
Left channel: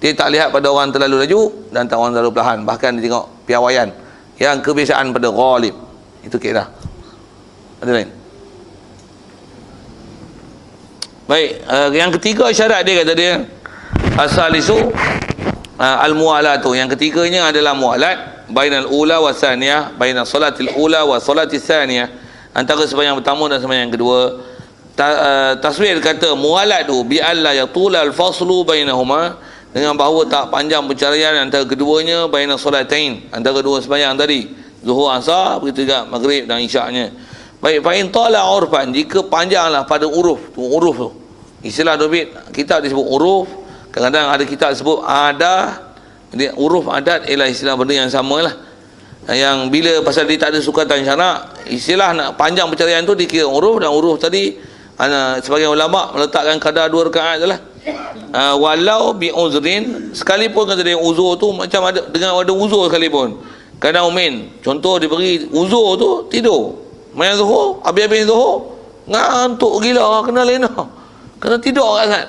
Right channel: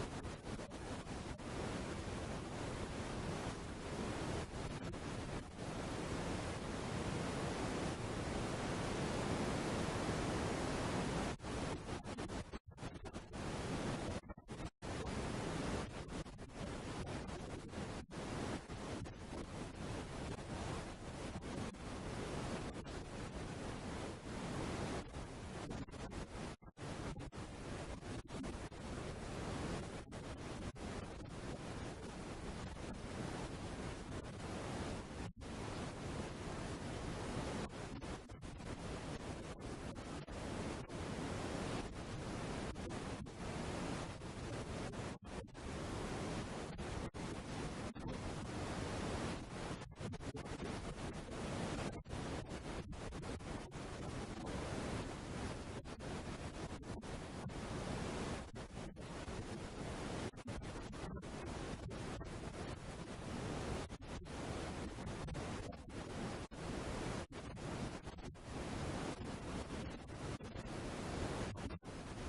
dia tak lihat pada orang terlalu laju dan tak orang terlalu perlahan, bahkan dia tengok piawaian yang kebiasaan pada ghalib. Itu kaedah. Ada lain? Baik, yang ketiga syarat dia kata dia asalisu al-mualatu. Yang ketiganya adalah mualat bainal ula wa tsaniyah, bainal salatil ula wa salatis tsaniyah, antara sembahyang pertama dan sembahyang kedua. Taswir kata mualat tu bi alla yatula al-faslu bainahuma, dengan bahawa tak panjang perceraian antara keduanya, baina solatain, antara dua sembahyang tadi, zuhur asar, begitu juga maghrib dan isyaknya. Baik, fa in tala urfan, jika panjanglah pada uruf tu. Istilah dobit kitab disebut uruf, kadang-kadang ada kitab disebut adah. Jadi uruf adat ialah istilah benda yang samalah. Yang bila pasal dia tak ada sukatan syarak, istilah nak panjang perceraian tu dikira uruf, dan uruf tadi sebagian ulama meletakkan kadar 2 rakaat sajalah. Walau bi uzrin, sekalipun kata dia uzur tu macam ada dengan ada uzur sekalipun. Kadang umin, contoh diberi uzur tu tidur. Main zuhur, habis-habis zuhur ngantuk gila, kena lena. Kena tidur kat sana.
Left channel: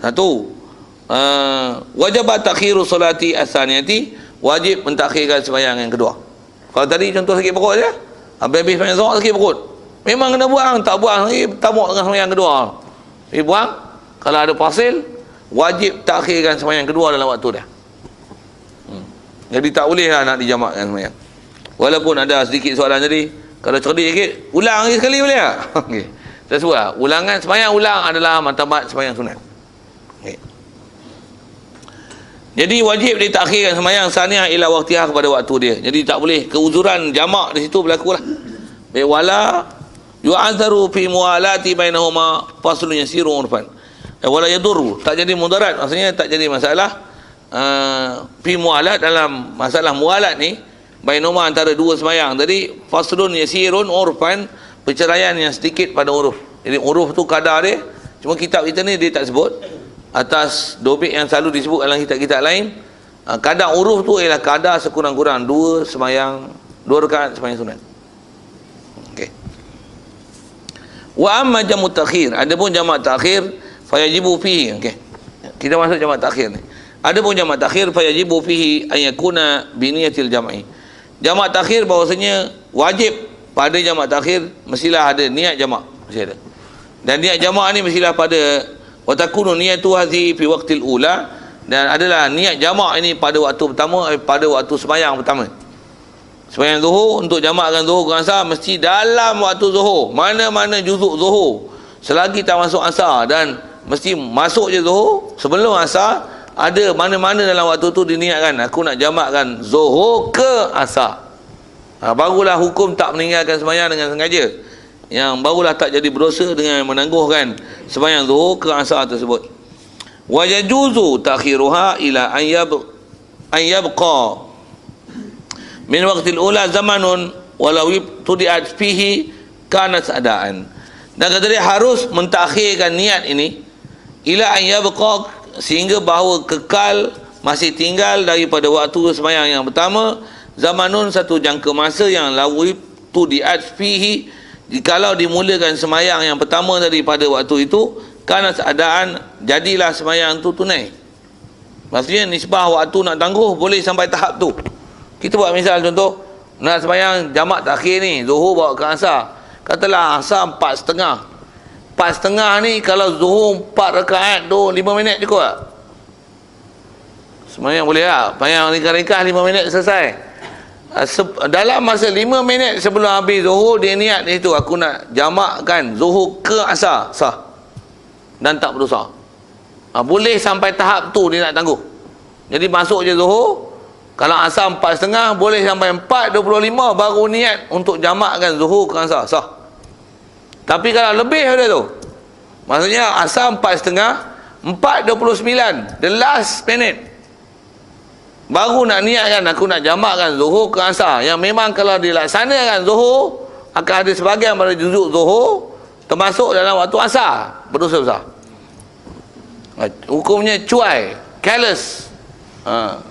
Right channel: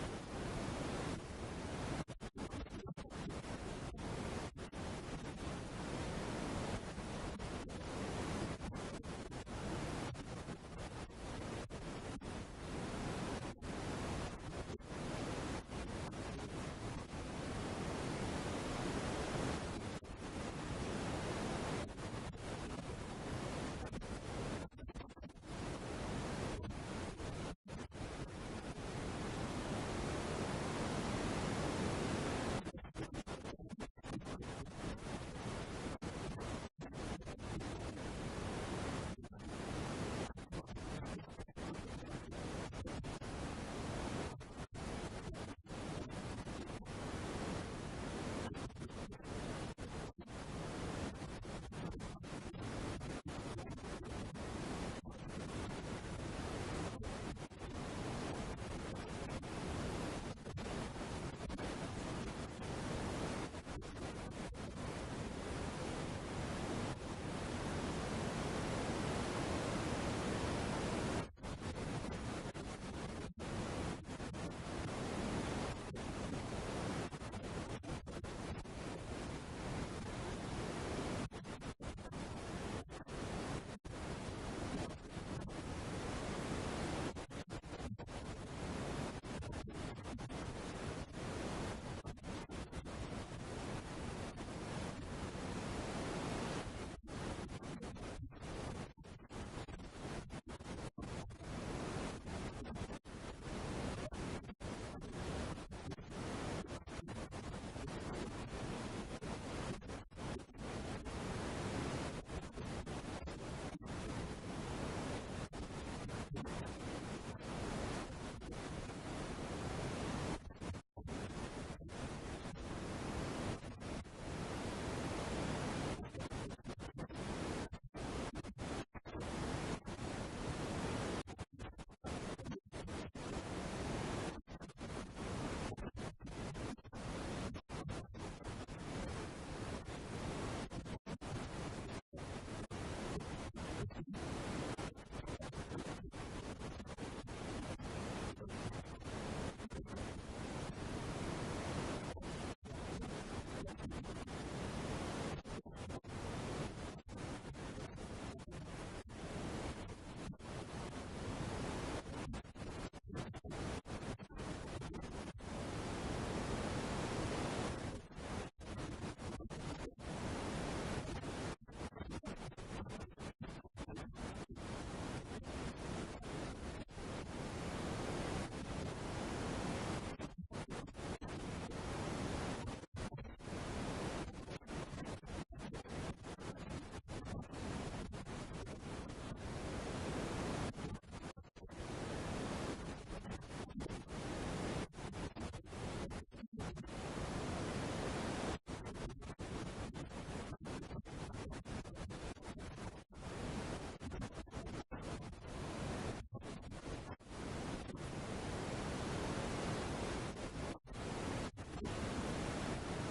Satu. Wajib takhiru solati as-saniyati, wajib mentakhirkan sembahyang yang kedua. Kalau tadi contoh sakit perut je, habis-habis main zuhur sakit perut, memang kena buang, tak buang lagi tamak dengan sembahyang kedua. Buang. Kalau ada pasil, wajib takhirkan sembahyang kedua dalam waktu dia. Jadi tak bolehlah nak dijamakkan sembahyang. Walaupun ada sedikit soalan tadi, kalau cerdik sikit, ulang lagi sekali boleh tak? Okey. Tak sebutlah, ulangan sembahyang ulang adalah martabat sembahyang sunat. Okay. Jadi wajib ditakhirkan sembahyang saniyah ila waqtiha, kepada waktu dia. Jadi tak boleh keuzuran jamak di situ berlaku lah. Wala yu'adzaru fi mualati bainahuma faslun yasiru urfan. Wala yadurru, tak jadi mudarat, maksudnya tak jadi masalah fi mualat, dalam masalah mualat ni bainahuma antara dua sembahyang tadi, faslun yasirun urfan, perceraian yang sedikit pada uruf. Jadi uruf tu kadar dia, cuma kitab kita ni dia tak sebut. Atas dobit yang selalu disebut dalam kitab-kitab lain, kadar uruf tu ialah kadar sekurang-kurang 2 rakaat sembahyang sunat. Okey. Wa amma jamu takhir, adapun jamak takhir fayajibu fihi. Okey. Kita masuk jamak takhir ni. Adapun jamak takhir fayajibu fihi an yakuna bi niyatil jam'i. Jamak takhir bahawasanya wajib pada jamak takhir mestilah ada niat jamak, mesti ada. Dan niat jamak ni mestilah pada wa takunu niyatu hadhi fi waqtil ula, dan adalah niat jamak ini pada waktu pertama, pada waktu sembahyang pertama. Sembahyang zuhur, untuk jamakkan zuhur dengan asar mesti dalam waktu zuhur. Mana-mana juzuk zuhur selagi tak masuk asar, dan mesti masuk je zuhur sebelum asar, ada mana-mana dalam waktu tu diniatkan aku nak jamakkan zuhur ke asar. Barulah hukum tak meninggalkan sembahyang dengan sengaja, yang barulah tak jadi berdosa dengan menangguhkan sembahyang zuhur ke asar tersebut. Wa yajuzu takhiruha ila an yabqa min waqtil ula zamanun walau tudiat fihi kanat adaan. Dan kata dia harus mentakhirkan niat ini ila an yabqa, sehingga bahawa kekal masih tinggal daripada waktu sembahyang yang pertama, zamanun satu jangka masa yang lawib tudiat fihi, jikalau dimulakan sembahyang yang pertama daripada waktu itu, kanat adaan, jadilah sembahyang itu tunai. Maksudnya nisbah waktu nak tangguh boleh sampai tahap tu. Kita buat misal contoh, nak sembahyang jamak takhir ni, Zuhur bawa ke asar. Katalah asar 4.30. 4.30 ni kalau Zuhur 4 rakaat tu 5 minit cukup tak? Sembahyang boleh tak? Sembahyang ringkas-ringkas 5 minit selesai. Dalam masa 5 minit sebelum habis Zuhur, dia niat di situ, aku nak jamakkan Zuhur ke asar, sah. Dan tak berdosa. Boleh sampai tahap tu dia nak tangguh. Jadi masuk je Zuhur, kalau asar 4.30, boleh sampai 4.25 baru niat untuk jamakkan Zuhur ke asar, sah. Tapi kalau lebih daripada tu, maksudnya asar 4.30, 4.29, the last minute, baru nak niatkan aku nak jamakkan Zuhur ke asar. Yang memang kalau dilaksanakan Zuhur, akan ada sebahagian pada juzuk Zuhur termasuk dalam waktu asar, berdosa besar. Hukumnya cuai, careless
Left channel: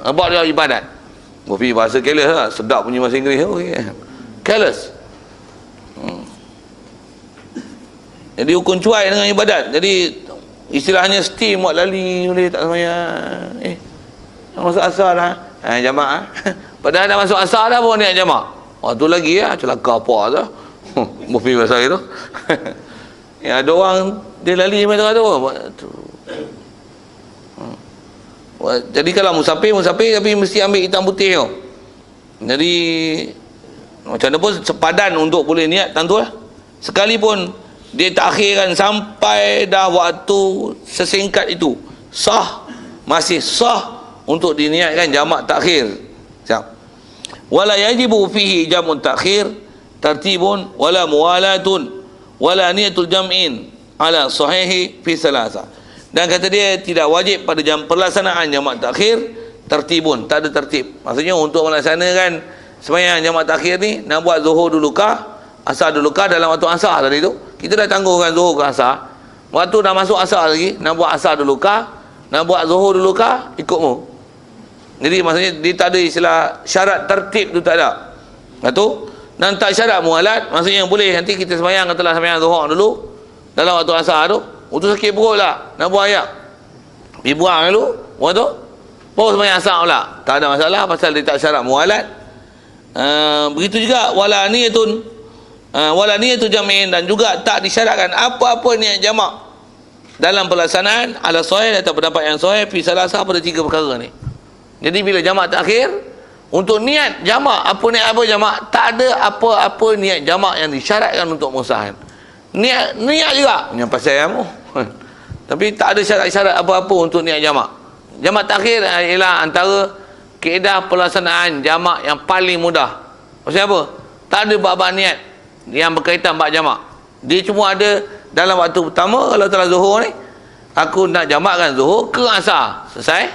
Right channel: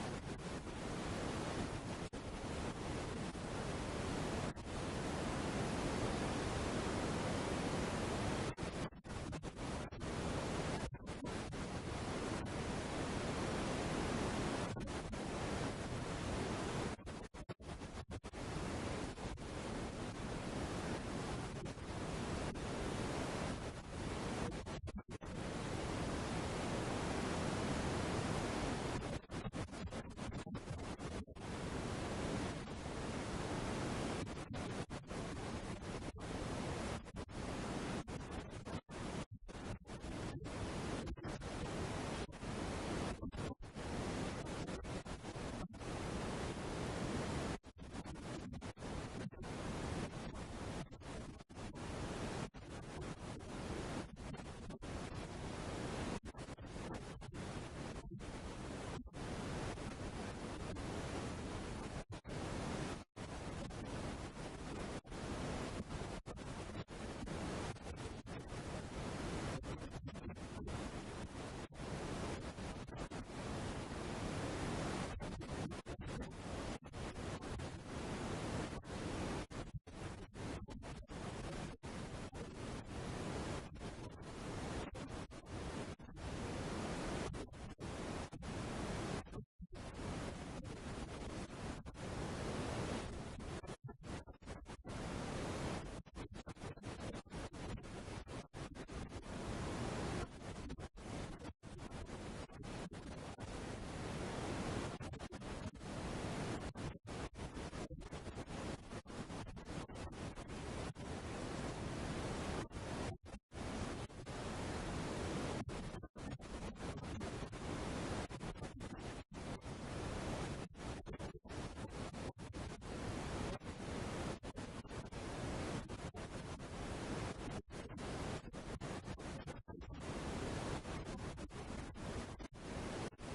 about your ibadat. Bofi bahasa careless lah, sedap punya bahasa Inggeris. Careless. Jadi hukum cuai dengan ibadat. Jadi istilahnya steam buat lali boleh tak sembahyang. Masuk asar dah. Jamak. Padahal dah masuk asar dah pun niat jamak. Tu lagi celaka apa tu. Bofi bahasa itu. Ada orang dia lali macam tu. Jadi kalau musafir tapi mesti ambil hitam putih tu. Jadi macam mana pun sepadan untuk boleh niat tentu lah. Sekalipun dia takhirkan sampai dah waktu sesingkat itu, sah, masih sah untuk diniatkan jamak takhir. Siap. Wala yajibu fihi jamun takhir tartibun wala muwalatun wala niyatul jam'in ala sahihi fi salasa. Dan kata dia tidak wajib pada pelaksanaan jamak takhir tertibun, tak ada tertib. Maksudnya untuk melaksanakan sembahyang jamak takhir ni, nak buat Zuhur dulu kah, asar dulu kah dalam waktu asar tadi tu. Kita dah tangguhkan Zuhur ke asar. Waktu dah masuk asar lagi, nak buat asar dulu kah, nak buat Zuhur dulu kah, ikutmu. Jadi maksudnya dia tak ada istilah syarat tertib tu, tak ada. Betul? Dan tak syarat mualat, maksudnya boleh nanti kita sembahyang, katalah sembahyang Zuhur dulu dalam waktu asar tu. Itu sakit perut lah, nak buang air, pergi buang dulu, buang tu, baru sembahyang asar pula. Tak ada masalah pasal dia tak syarat mualat. Begitu juga wala niyatun jam'in, dan juga tak disyaratkan apa-apa niat jamak dalam pelaksanaan ala sahih atau pendapat yang sahih fi salasa pada 3 perkara ni. Jadi bila jamak takhir, untuk niat jamak, apa niat apa jamak, tak ada apa-apa niat jamak yang disyaratkan untuk mengusahakan. Niat juga yang pasal kamu. Tapi tak ada syarat-syarat apa-apa untuk niat jamak. Jamak takhir ialah antara kaedah pelaksanaan jamak yang paling mudah. Maksudnya apa? Tak ada bab-bab niat yang berkaitan bab jamak. Dia cuma ada dalam waktu pertama, kalau telah Zuhur ni, aku nak jamakkan Zuhur ke asar. Selesai.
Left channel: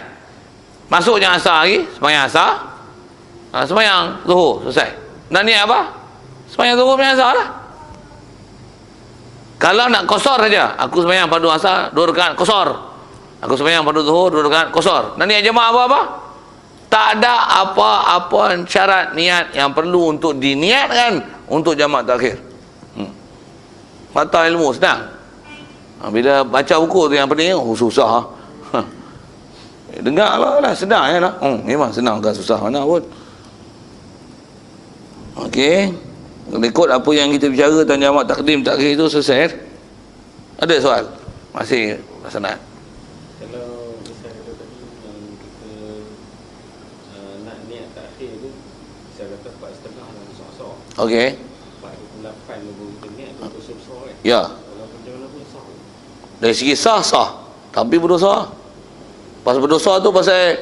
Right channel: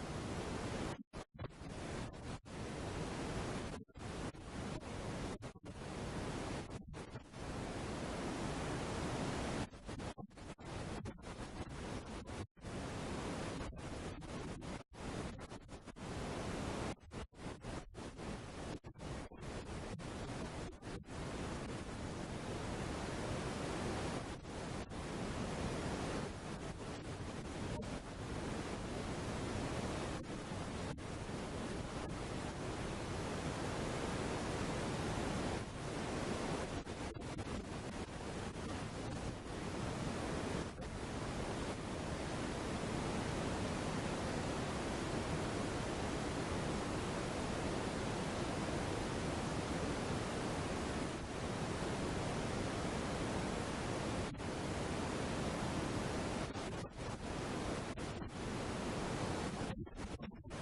Masuknya asar lagi, sembahyang asar. Sembahyang Zuhur, selesai. Nak niat apa? Sembahyang Zuhur, sembahyang asar lah. Kalau nak qasar saja, aku sembahyang pada asar 2 rakaat qasar. Aku sembahyang pada Zuhur 2 rakaat qasar. Dan niat jamak apa-apa? Tak ada apa-apa syarat niat yang perlu untuk diniatkan untuk jamak takhir. Patah ilmu senang. Bila baca buku tu yang penting, susah. Dengar lah, senang ya lah. Memang senang, kan susah mana pun. Okey. Ikut apa yang kita bicara tentang jamak takdim takhir itu selesai. Ada soal? Masih senang. Kalau saya nak niat takhir tu, saya kata 4.30 susah. Okey. 4.28 baru niat untuk susah kan. Ya. Kalau betul-betul susah. Dari segi sah, tapi berdosa. Pasal berdosa tu pasal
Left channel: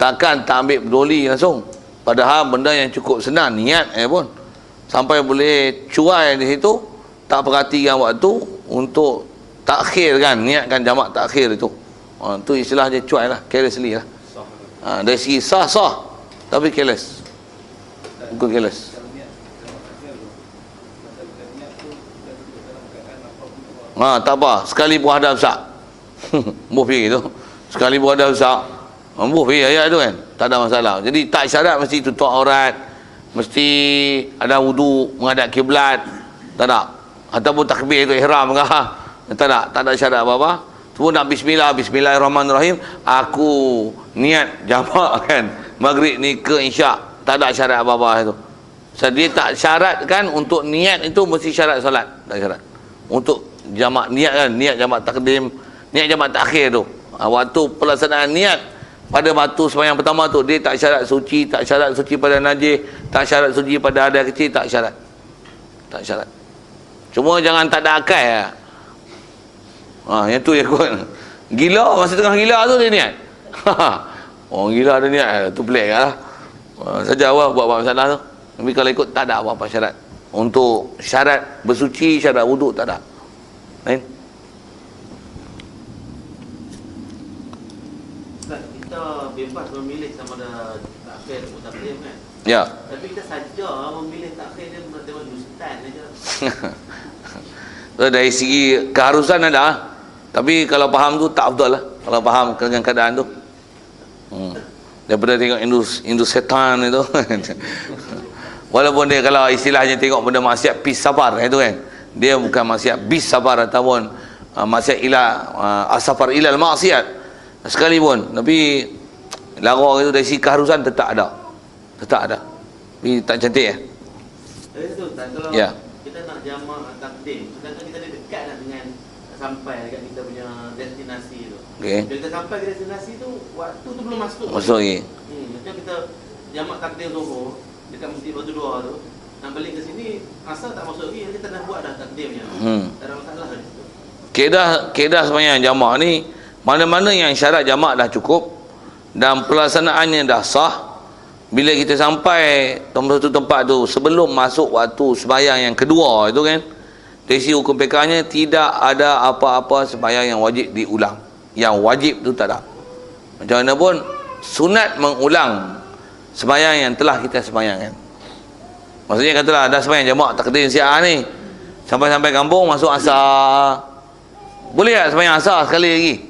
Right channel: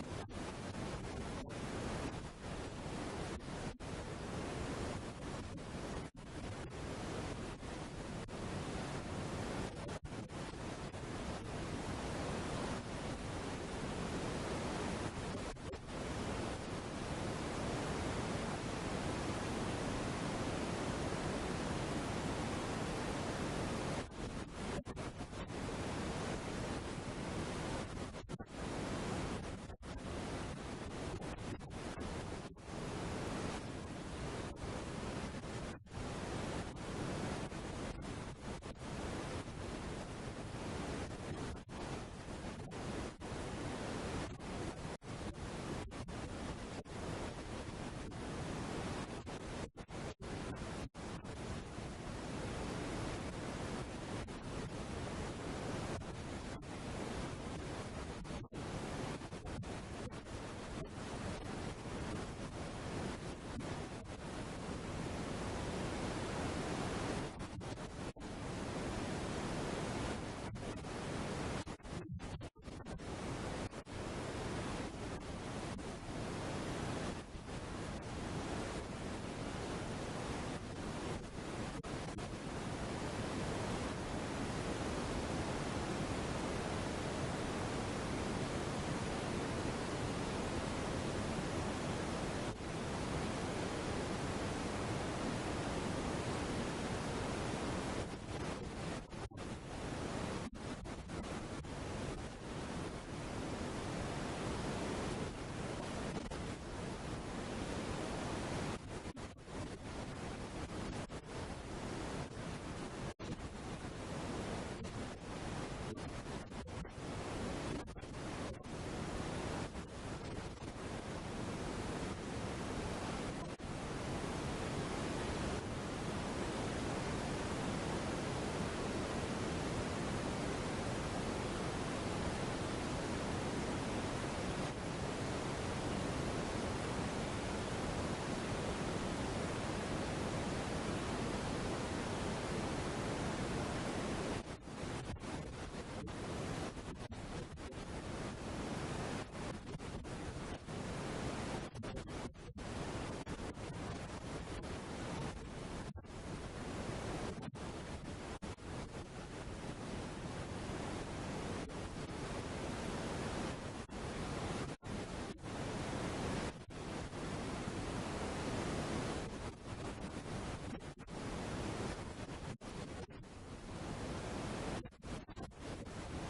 takkan tak ambil peduli langsung. Padahal benda yang cukup senang, niat pun. Sampai boleh cuai di situ, tak perhatikan waktu untuk takhirkan, niatkan jamak takhir itu. Itu istilah dia cuai lah, carelessly lah. Dari segi sah, tapi careless. Bukan careless. Tak apa, sekali buah dah besar. Buh pergi tu. Sekali buah dah besar. Buh pergi ayat tu kan. Tak ada masalah. Jadi tak syarat mesti tutup aurat. Mesti ada wudu, menghadap kiblat. Tak ada. Ataupun takbir ke ihram ke. Tak ada syarat apa-apa. Semua nak bismillahirrahmanirrahim. Aku niat jamak kan maghrib ni ke isyak. Tak ada syarat apa-apa itu. So, dia tak syaratkan untuk niat itu mesti syarat solat. Tak syarat. Untuk jamak niat kan, niat jamak takdim, niat jamak takhir tu. Waktu pelaksanaan niat pada waktu sembahyang pertama tu, dia tak syarat suci, tak syarat suci pada najis, tak syarat suci pada hadas kecil, tak syarat. Tak syarat. Cuma jangan tak ada akal lah. Yang tu yang kot. Gila, masa tengah gila tu dia niat. Orang gila ada niat, tu pelik lah. Saja awak buat masalah tu. Tapi kalau ikut tak ada apa-apa syarat. Untuk syarat bersuci, syarat wuduk tak ada. Lain? Kita bebas memilih sama ada takhir atau takdim kan. Ya. Tapi kita saja memilih takhir dia tengok ustaz saja. So, dari segi keharusan ada. Tapi kalau faham tu tak betul lah. Kalau faham dengan keadaan tu. Daripada tengok indus setan itu. Walaupun dia kalau istilahnya tengok benda maksiat bis safar itu kan. Dia bukan maksiat bis safar ataupun maksiat asafar ilal maksiat sekalipun. Tapi larang itu dari segi keharusan tetap ada. Tetap ada. Tapi tak cantik ya. Betul tak? Kalau Ya. kita nak jamak takdim, kita ada dekat lah dengan sampai dekat kita punya destinasi tu. Okey. Bila kita sampai ke destinasi tu, waktu tu belum masuk. Masuk lagi. Macam kita jamak takdim Zuhur dekat Masjid Batu Dua tu, nak balik ke sini, asal tak masuk lagi, kita dah buat dah takdimnya. Tak ada masalah dah. Keedah sembahyang jamak ni, mana-mana yang syarat jamak dah cukup dan pelaksanaannya dah sah. Bila kita sampai satu tempat tu sebelum masuk waktu sembahyang yang kedua itu kan, dari sisi hukum fiqahnya tidak ada apa-apa sembahyang yang wajib diulang. Yang wajib tu tak ada. Macam mana pun sunat mengulang sembahyang yang telah kita sembahyangkan. Maksudnya katalah ada sembahyang jamak takdim siang ni, sampai kampung masuk asar, boleh tak sembahyang asar sekali lagi?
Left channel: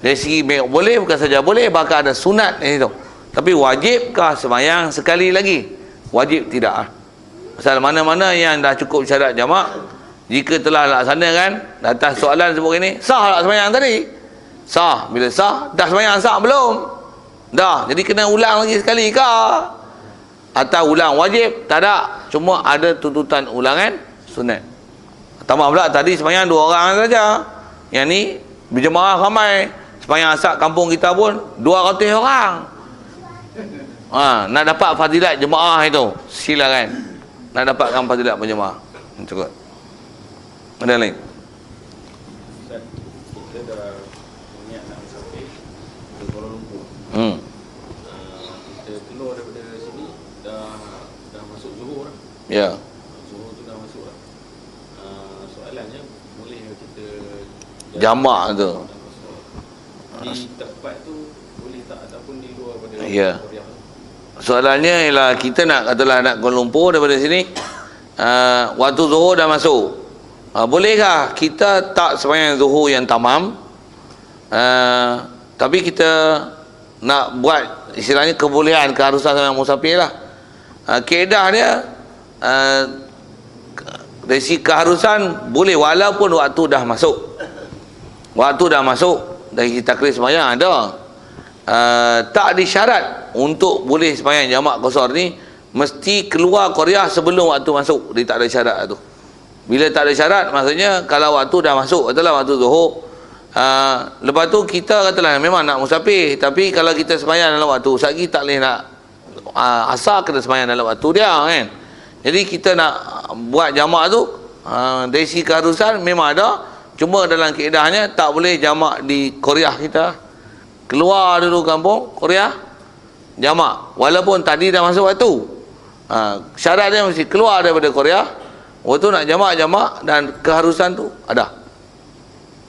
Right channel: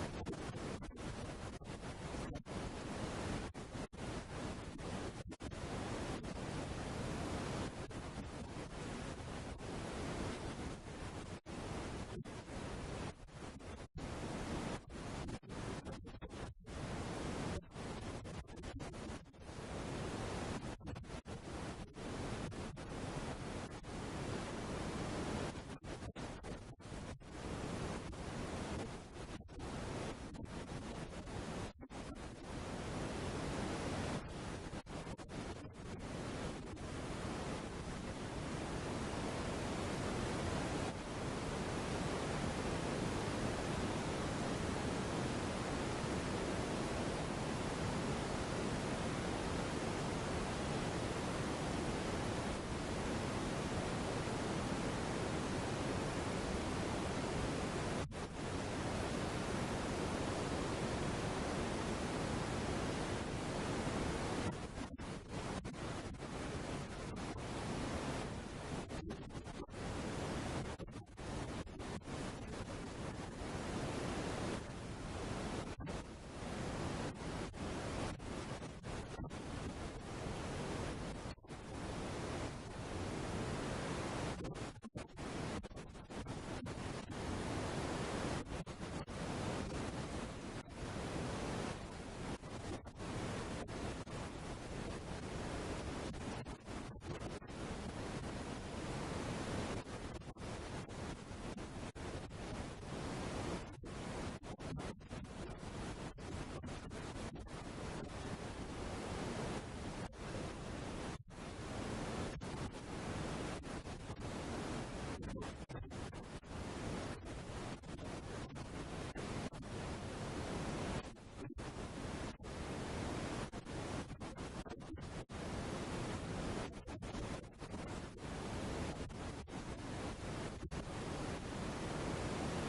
Dari segi boleh, bukan saja boleh, bahkan ada sunat di situ. Tapi wajibkah sembahyang sekali lagi? Wajib tidak. Pasal mana-mana yang dah cukup syarat jamak, jika telah laksanakan, atas soalan sebut ini, sah tak sembahyang tadi? Sah. Bila sah, dah sembahyang sah belum? Dah. Jadi kena ulang lagi sekali ke? Atau ulang wajib? Tak ada. Cuma ada tuntutan ulangan sunat. Tambah pula tadi sembahyang 2 orang saja. Yang ni berjemaah ramai. Sembahyang asar kampung kita pun 200 orang. Nak dapat fadilat jemaah itu, silakan. Nak dapatkan fadilat berjemaah. Cukup. Ada lain? Kita dah niat nak sampai ke Kuala Lumpur. Kita keluar daripada sini dah masuk Johor lah. Ya. Johor tu dah masuk lah. Soalannya boleh kita Jamak tu. di tempat tu boleh tak ataupun di luar pada Ya. Soalannya ialah kita nak katalah nak Kuala Lumpur daripada sini, waktu Zuhur dah masuk. Bolehkah kita tak sembahyang Zuhur yang tamam, tapi kita nak buat istilahnya kebolehan, keharusan sembahyang musafir lah. Kaedah dia dari segi keharusan boleh walaupun waktu dah masuk. Waktu dah masuk dari takrir sembahyang ada. Tak disyarat untuk boleh sembahyang jamak qasar ni mesti keluar qaryah sebelum waktu masuk. Dia tak ada syarat tu. Bila tak ada syarat, maksudnya kalau waktu dah masuk, katalah waktu Zuhur, lepas tu kita katalah memang nak musafir, tapi kalau kita sembahyang dalam waktu sagi tak boleh nak asar, kena sembahyang dalam waktu dia kan. Jadi kita nak buat jamak tu dari segi keharusan memang ada, cuma dalam kaedahnya tak boleh jamak di qaryah kita. Keluar dulu kampung qaryah jamak walaupun tadi dah masuk waktu. Syarat dia mesti keluar daripada qaryah waktu nak jamak dan keharusan tu ada.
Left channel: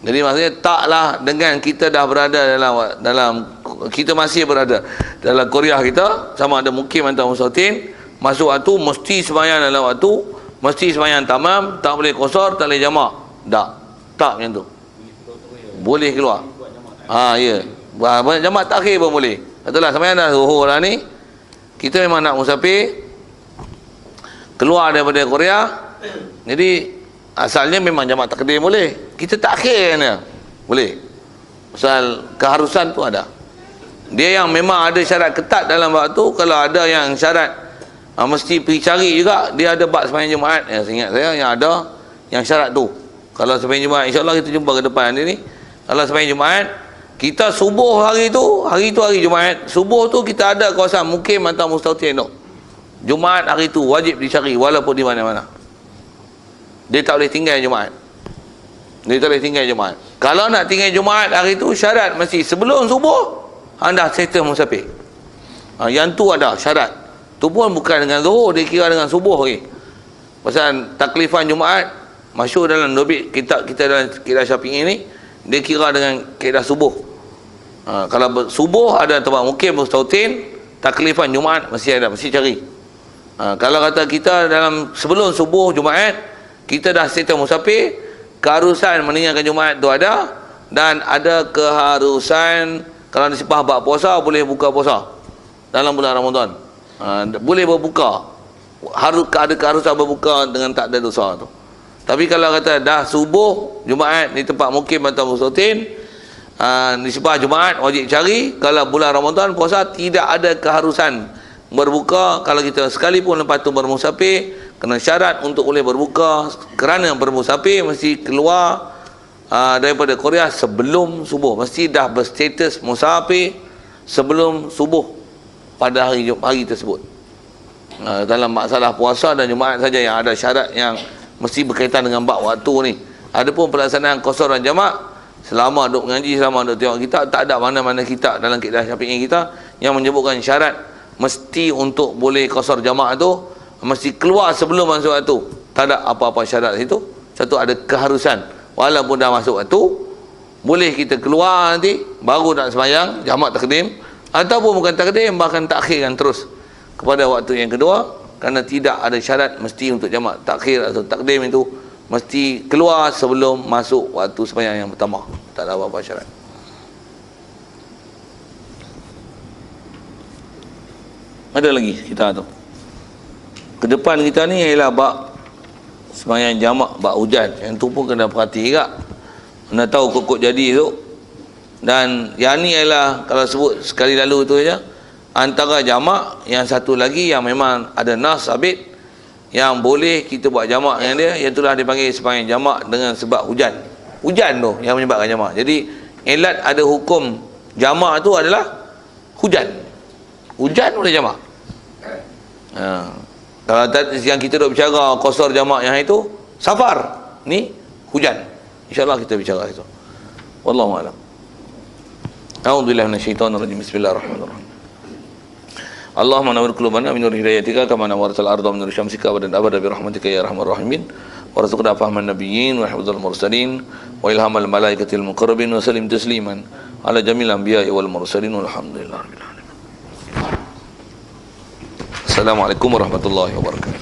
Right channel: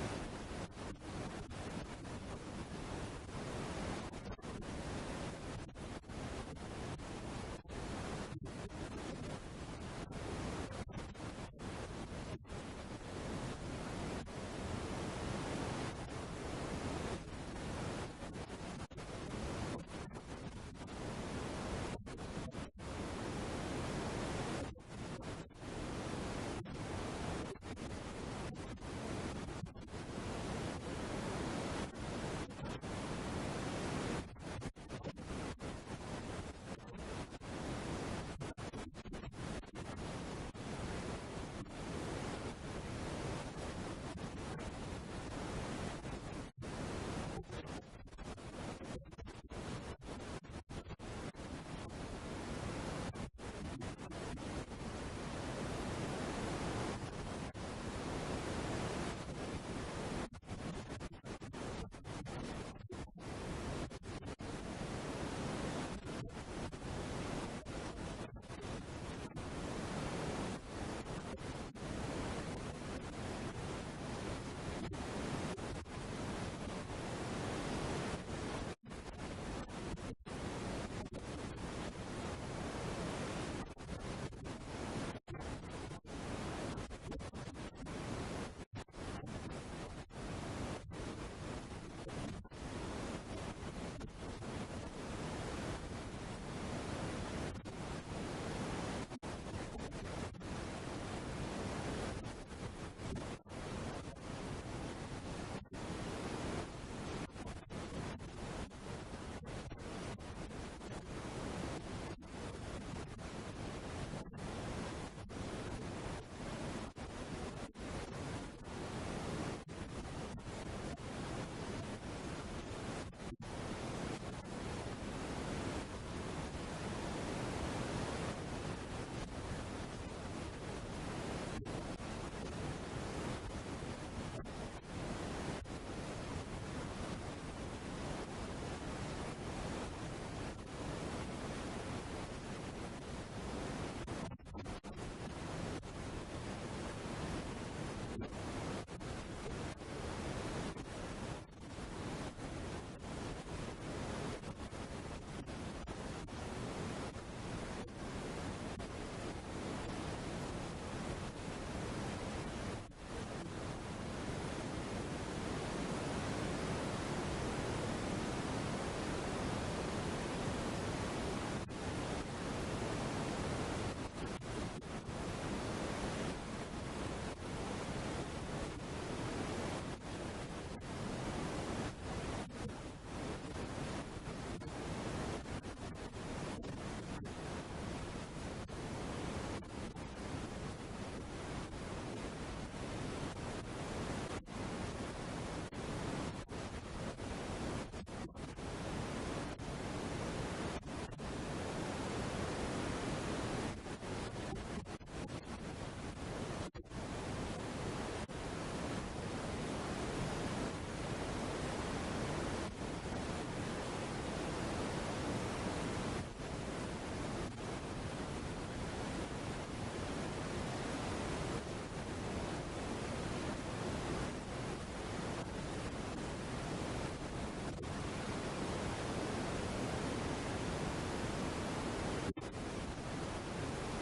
Jadi maksudnya taklah dengan kita dah berada dalam kita masih berada dalam qaryah kita, sama ada mukim atau musatin, masuk waktu mesti sembahyang dalam waktu, mesti sembahyang tamam, tak boleh qasar, tak boleh jamak. Tak macam tu. Boleh keluar. Ya. Jamak takhir pun boleh. Katalah sembahyang dah Zuhur lah ni, kita memang nak musafir, keluar daripada qaryah. Jadi asalnya memang jamak takdim boleh, kita takhir kan, boleh. Pasal keharusan tu ada. Dia yang memang ada syarat ketat dalam waktu, kalau ada yang syarat mesti pergi cari juga dia ada bab sembahyang Jumaat. Ingat saya yang ada yang syarat tu. Kalau sembahyang Jumaat, insya-Allah kita jumpa ke depan nanti ni. Kalau sembahyang Jumaat, kita subuh hari tu hari Jumaat, subuh tu kita ada kawasan Mukim atau Mustautin tu. Jumaat hari tu wajib dicari walaupun di mana-mana. Dia tak boleh tinggal Jumaat. Dia tak boleh tinggal Jumaat. Kalau nak tinggal Jumaat hari tu, syarat mesti sebelum subuh anda settle musafir. Yang tu ada syarat. Tu pun bukan dengan zuhur, dia kira dengan subuh lagi. Pasal taklifan Jumaat masyhur dalam dobit kita dalam kitab Syafi'i ni, dia kira dengan kaedah subuh. Kalau subuh ada tempat Mukim Mustautin, taklifan Jumaat mesti ada, mesti cari. Kalau kata kita dalam sebelum subuh Jumaat, kita dah settle musafir, keharusan meninggalkan Jumaat tu ada, dan ada keharusan kalau disipah bab puasa boleh buka puasa dalam bulan Ramadan. Boleh berbuka. Harus ada keharusan berbuka dengan tak ada dosa tu. Tapi kalau kata dah subuh Jumaat di tempat Mukim atau Mustautin, disipah Jumaat wajib cari. Kalau bulan Ramadan puasa tidak ada keharusan berbuka. Kalau kita sekalipun lepas tu bermusafir, kena syarat untuk boleh berbuka kerana bermusafir mesti keluar daripada Korea sebelum subuh. Mesti dah berstatus musafir sebelum subuh pada hari tersebut. Dalam masalah puasa dan Jumaat saja yang ada syarat yang mesti berkaitan dengan bab waktu ni. Adapun pelaksanaan qasar dan jamak, selama duk mengaji, selama duk tengok kitab, tak ada mana-mana kitab dalam kitab Syafi'i kita yang menyebutkan syarat mesti untuk boleh qasar jamak tu mesti keluar sebelum masuk waktu. Tak ada apa-apa syarat situ. Satu, ada keharusan walaupun dah masuk waktu, boleh kita keluar nanti baru nak sembahyang jamak takdim, ataupun bukan takdim, bahkan takhirkan terus kepada waktu yang kedua, kerana tidak ada syarat mesti untuk jamak takhir atau takdim itu mesti keluar sebelum masuk waktu sembahyang yang pertama. Tak ada apa-apa syarat. Ada lagi kita tu. Ke depan kita ni ialah bab sembahyang jamak, bab hujan. Yang tu pun kena perhati juga. Kena tahu kokok jadi tu. Dan yang ni ialah kalau sebut sekali lalu tu saja, antara jamak, yang satu lagi yang memang ada nas sabit yang boleh kita buat jamak dengan dia, yang itulah dipanggil sembahyang jamak dengan sebab hujan. Hujan tu yang menyebabkan jamak. Jadi ilat ada hukum jamak tu adalah hujan. Hujan boleh jamak. Kalau yang kita duk bicara qasar jamak yang itu safar, ni hujan. InsyaAllah kita bicara itu. Wallahu a'lam. A'udzubillahi minasyaitonir rajim. Bismillahirrahmanirrahim. Allahumma nawwir qulubana min nur hidayatika kama nawwartal arda min nur syamsika wa abada bi rahmatika ya arhamar rahimin. Warzuqna fahman nabiyyin wa hifdzal mursalin wa ilhamal malaikatil muqarrabin wa salim tasliman ala jamil anbiya'i wal mursalin walhamdulillahirabbil alamin. Assalamualaikum warahmatullahi wabarakatuh.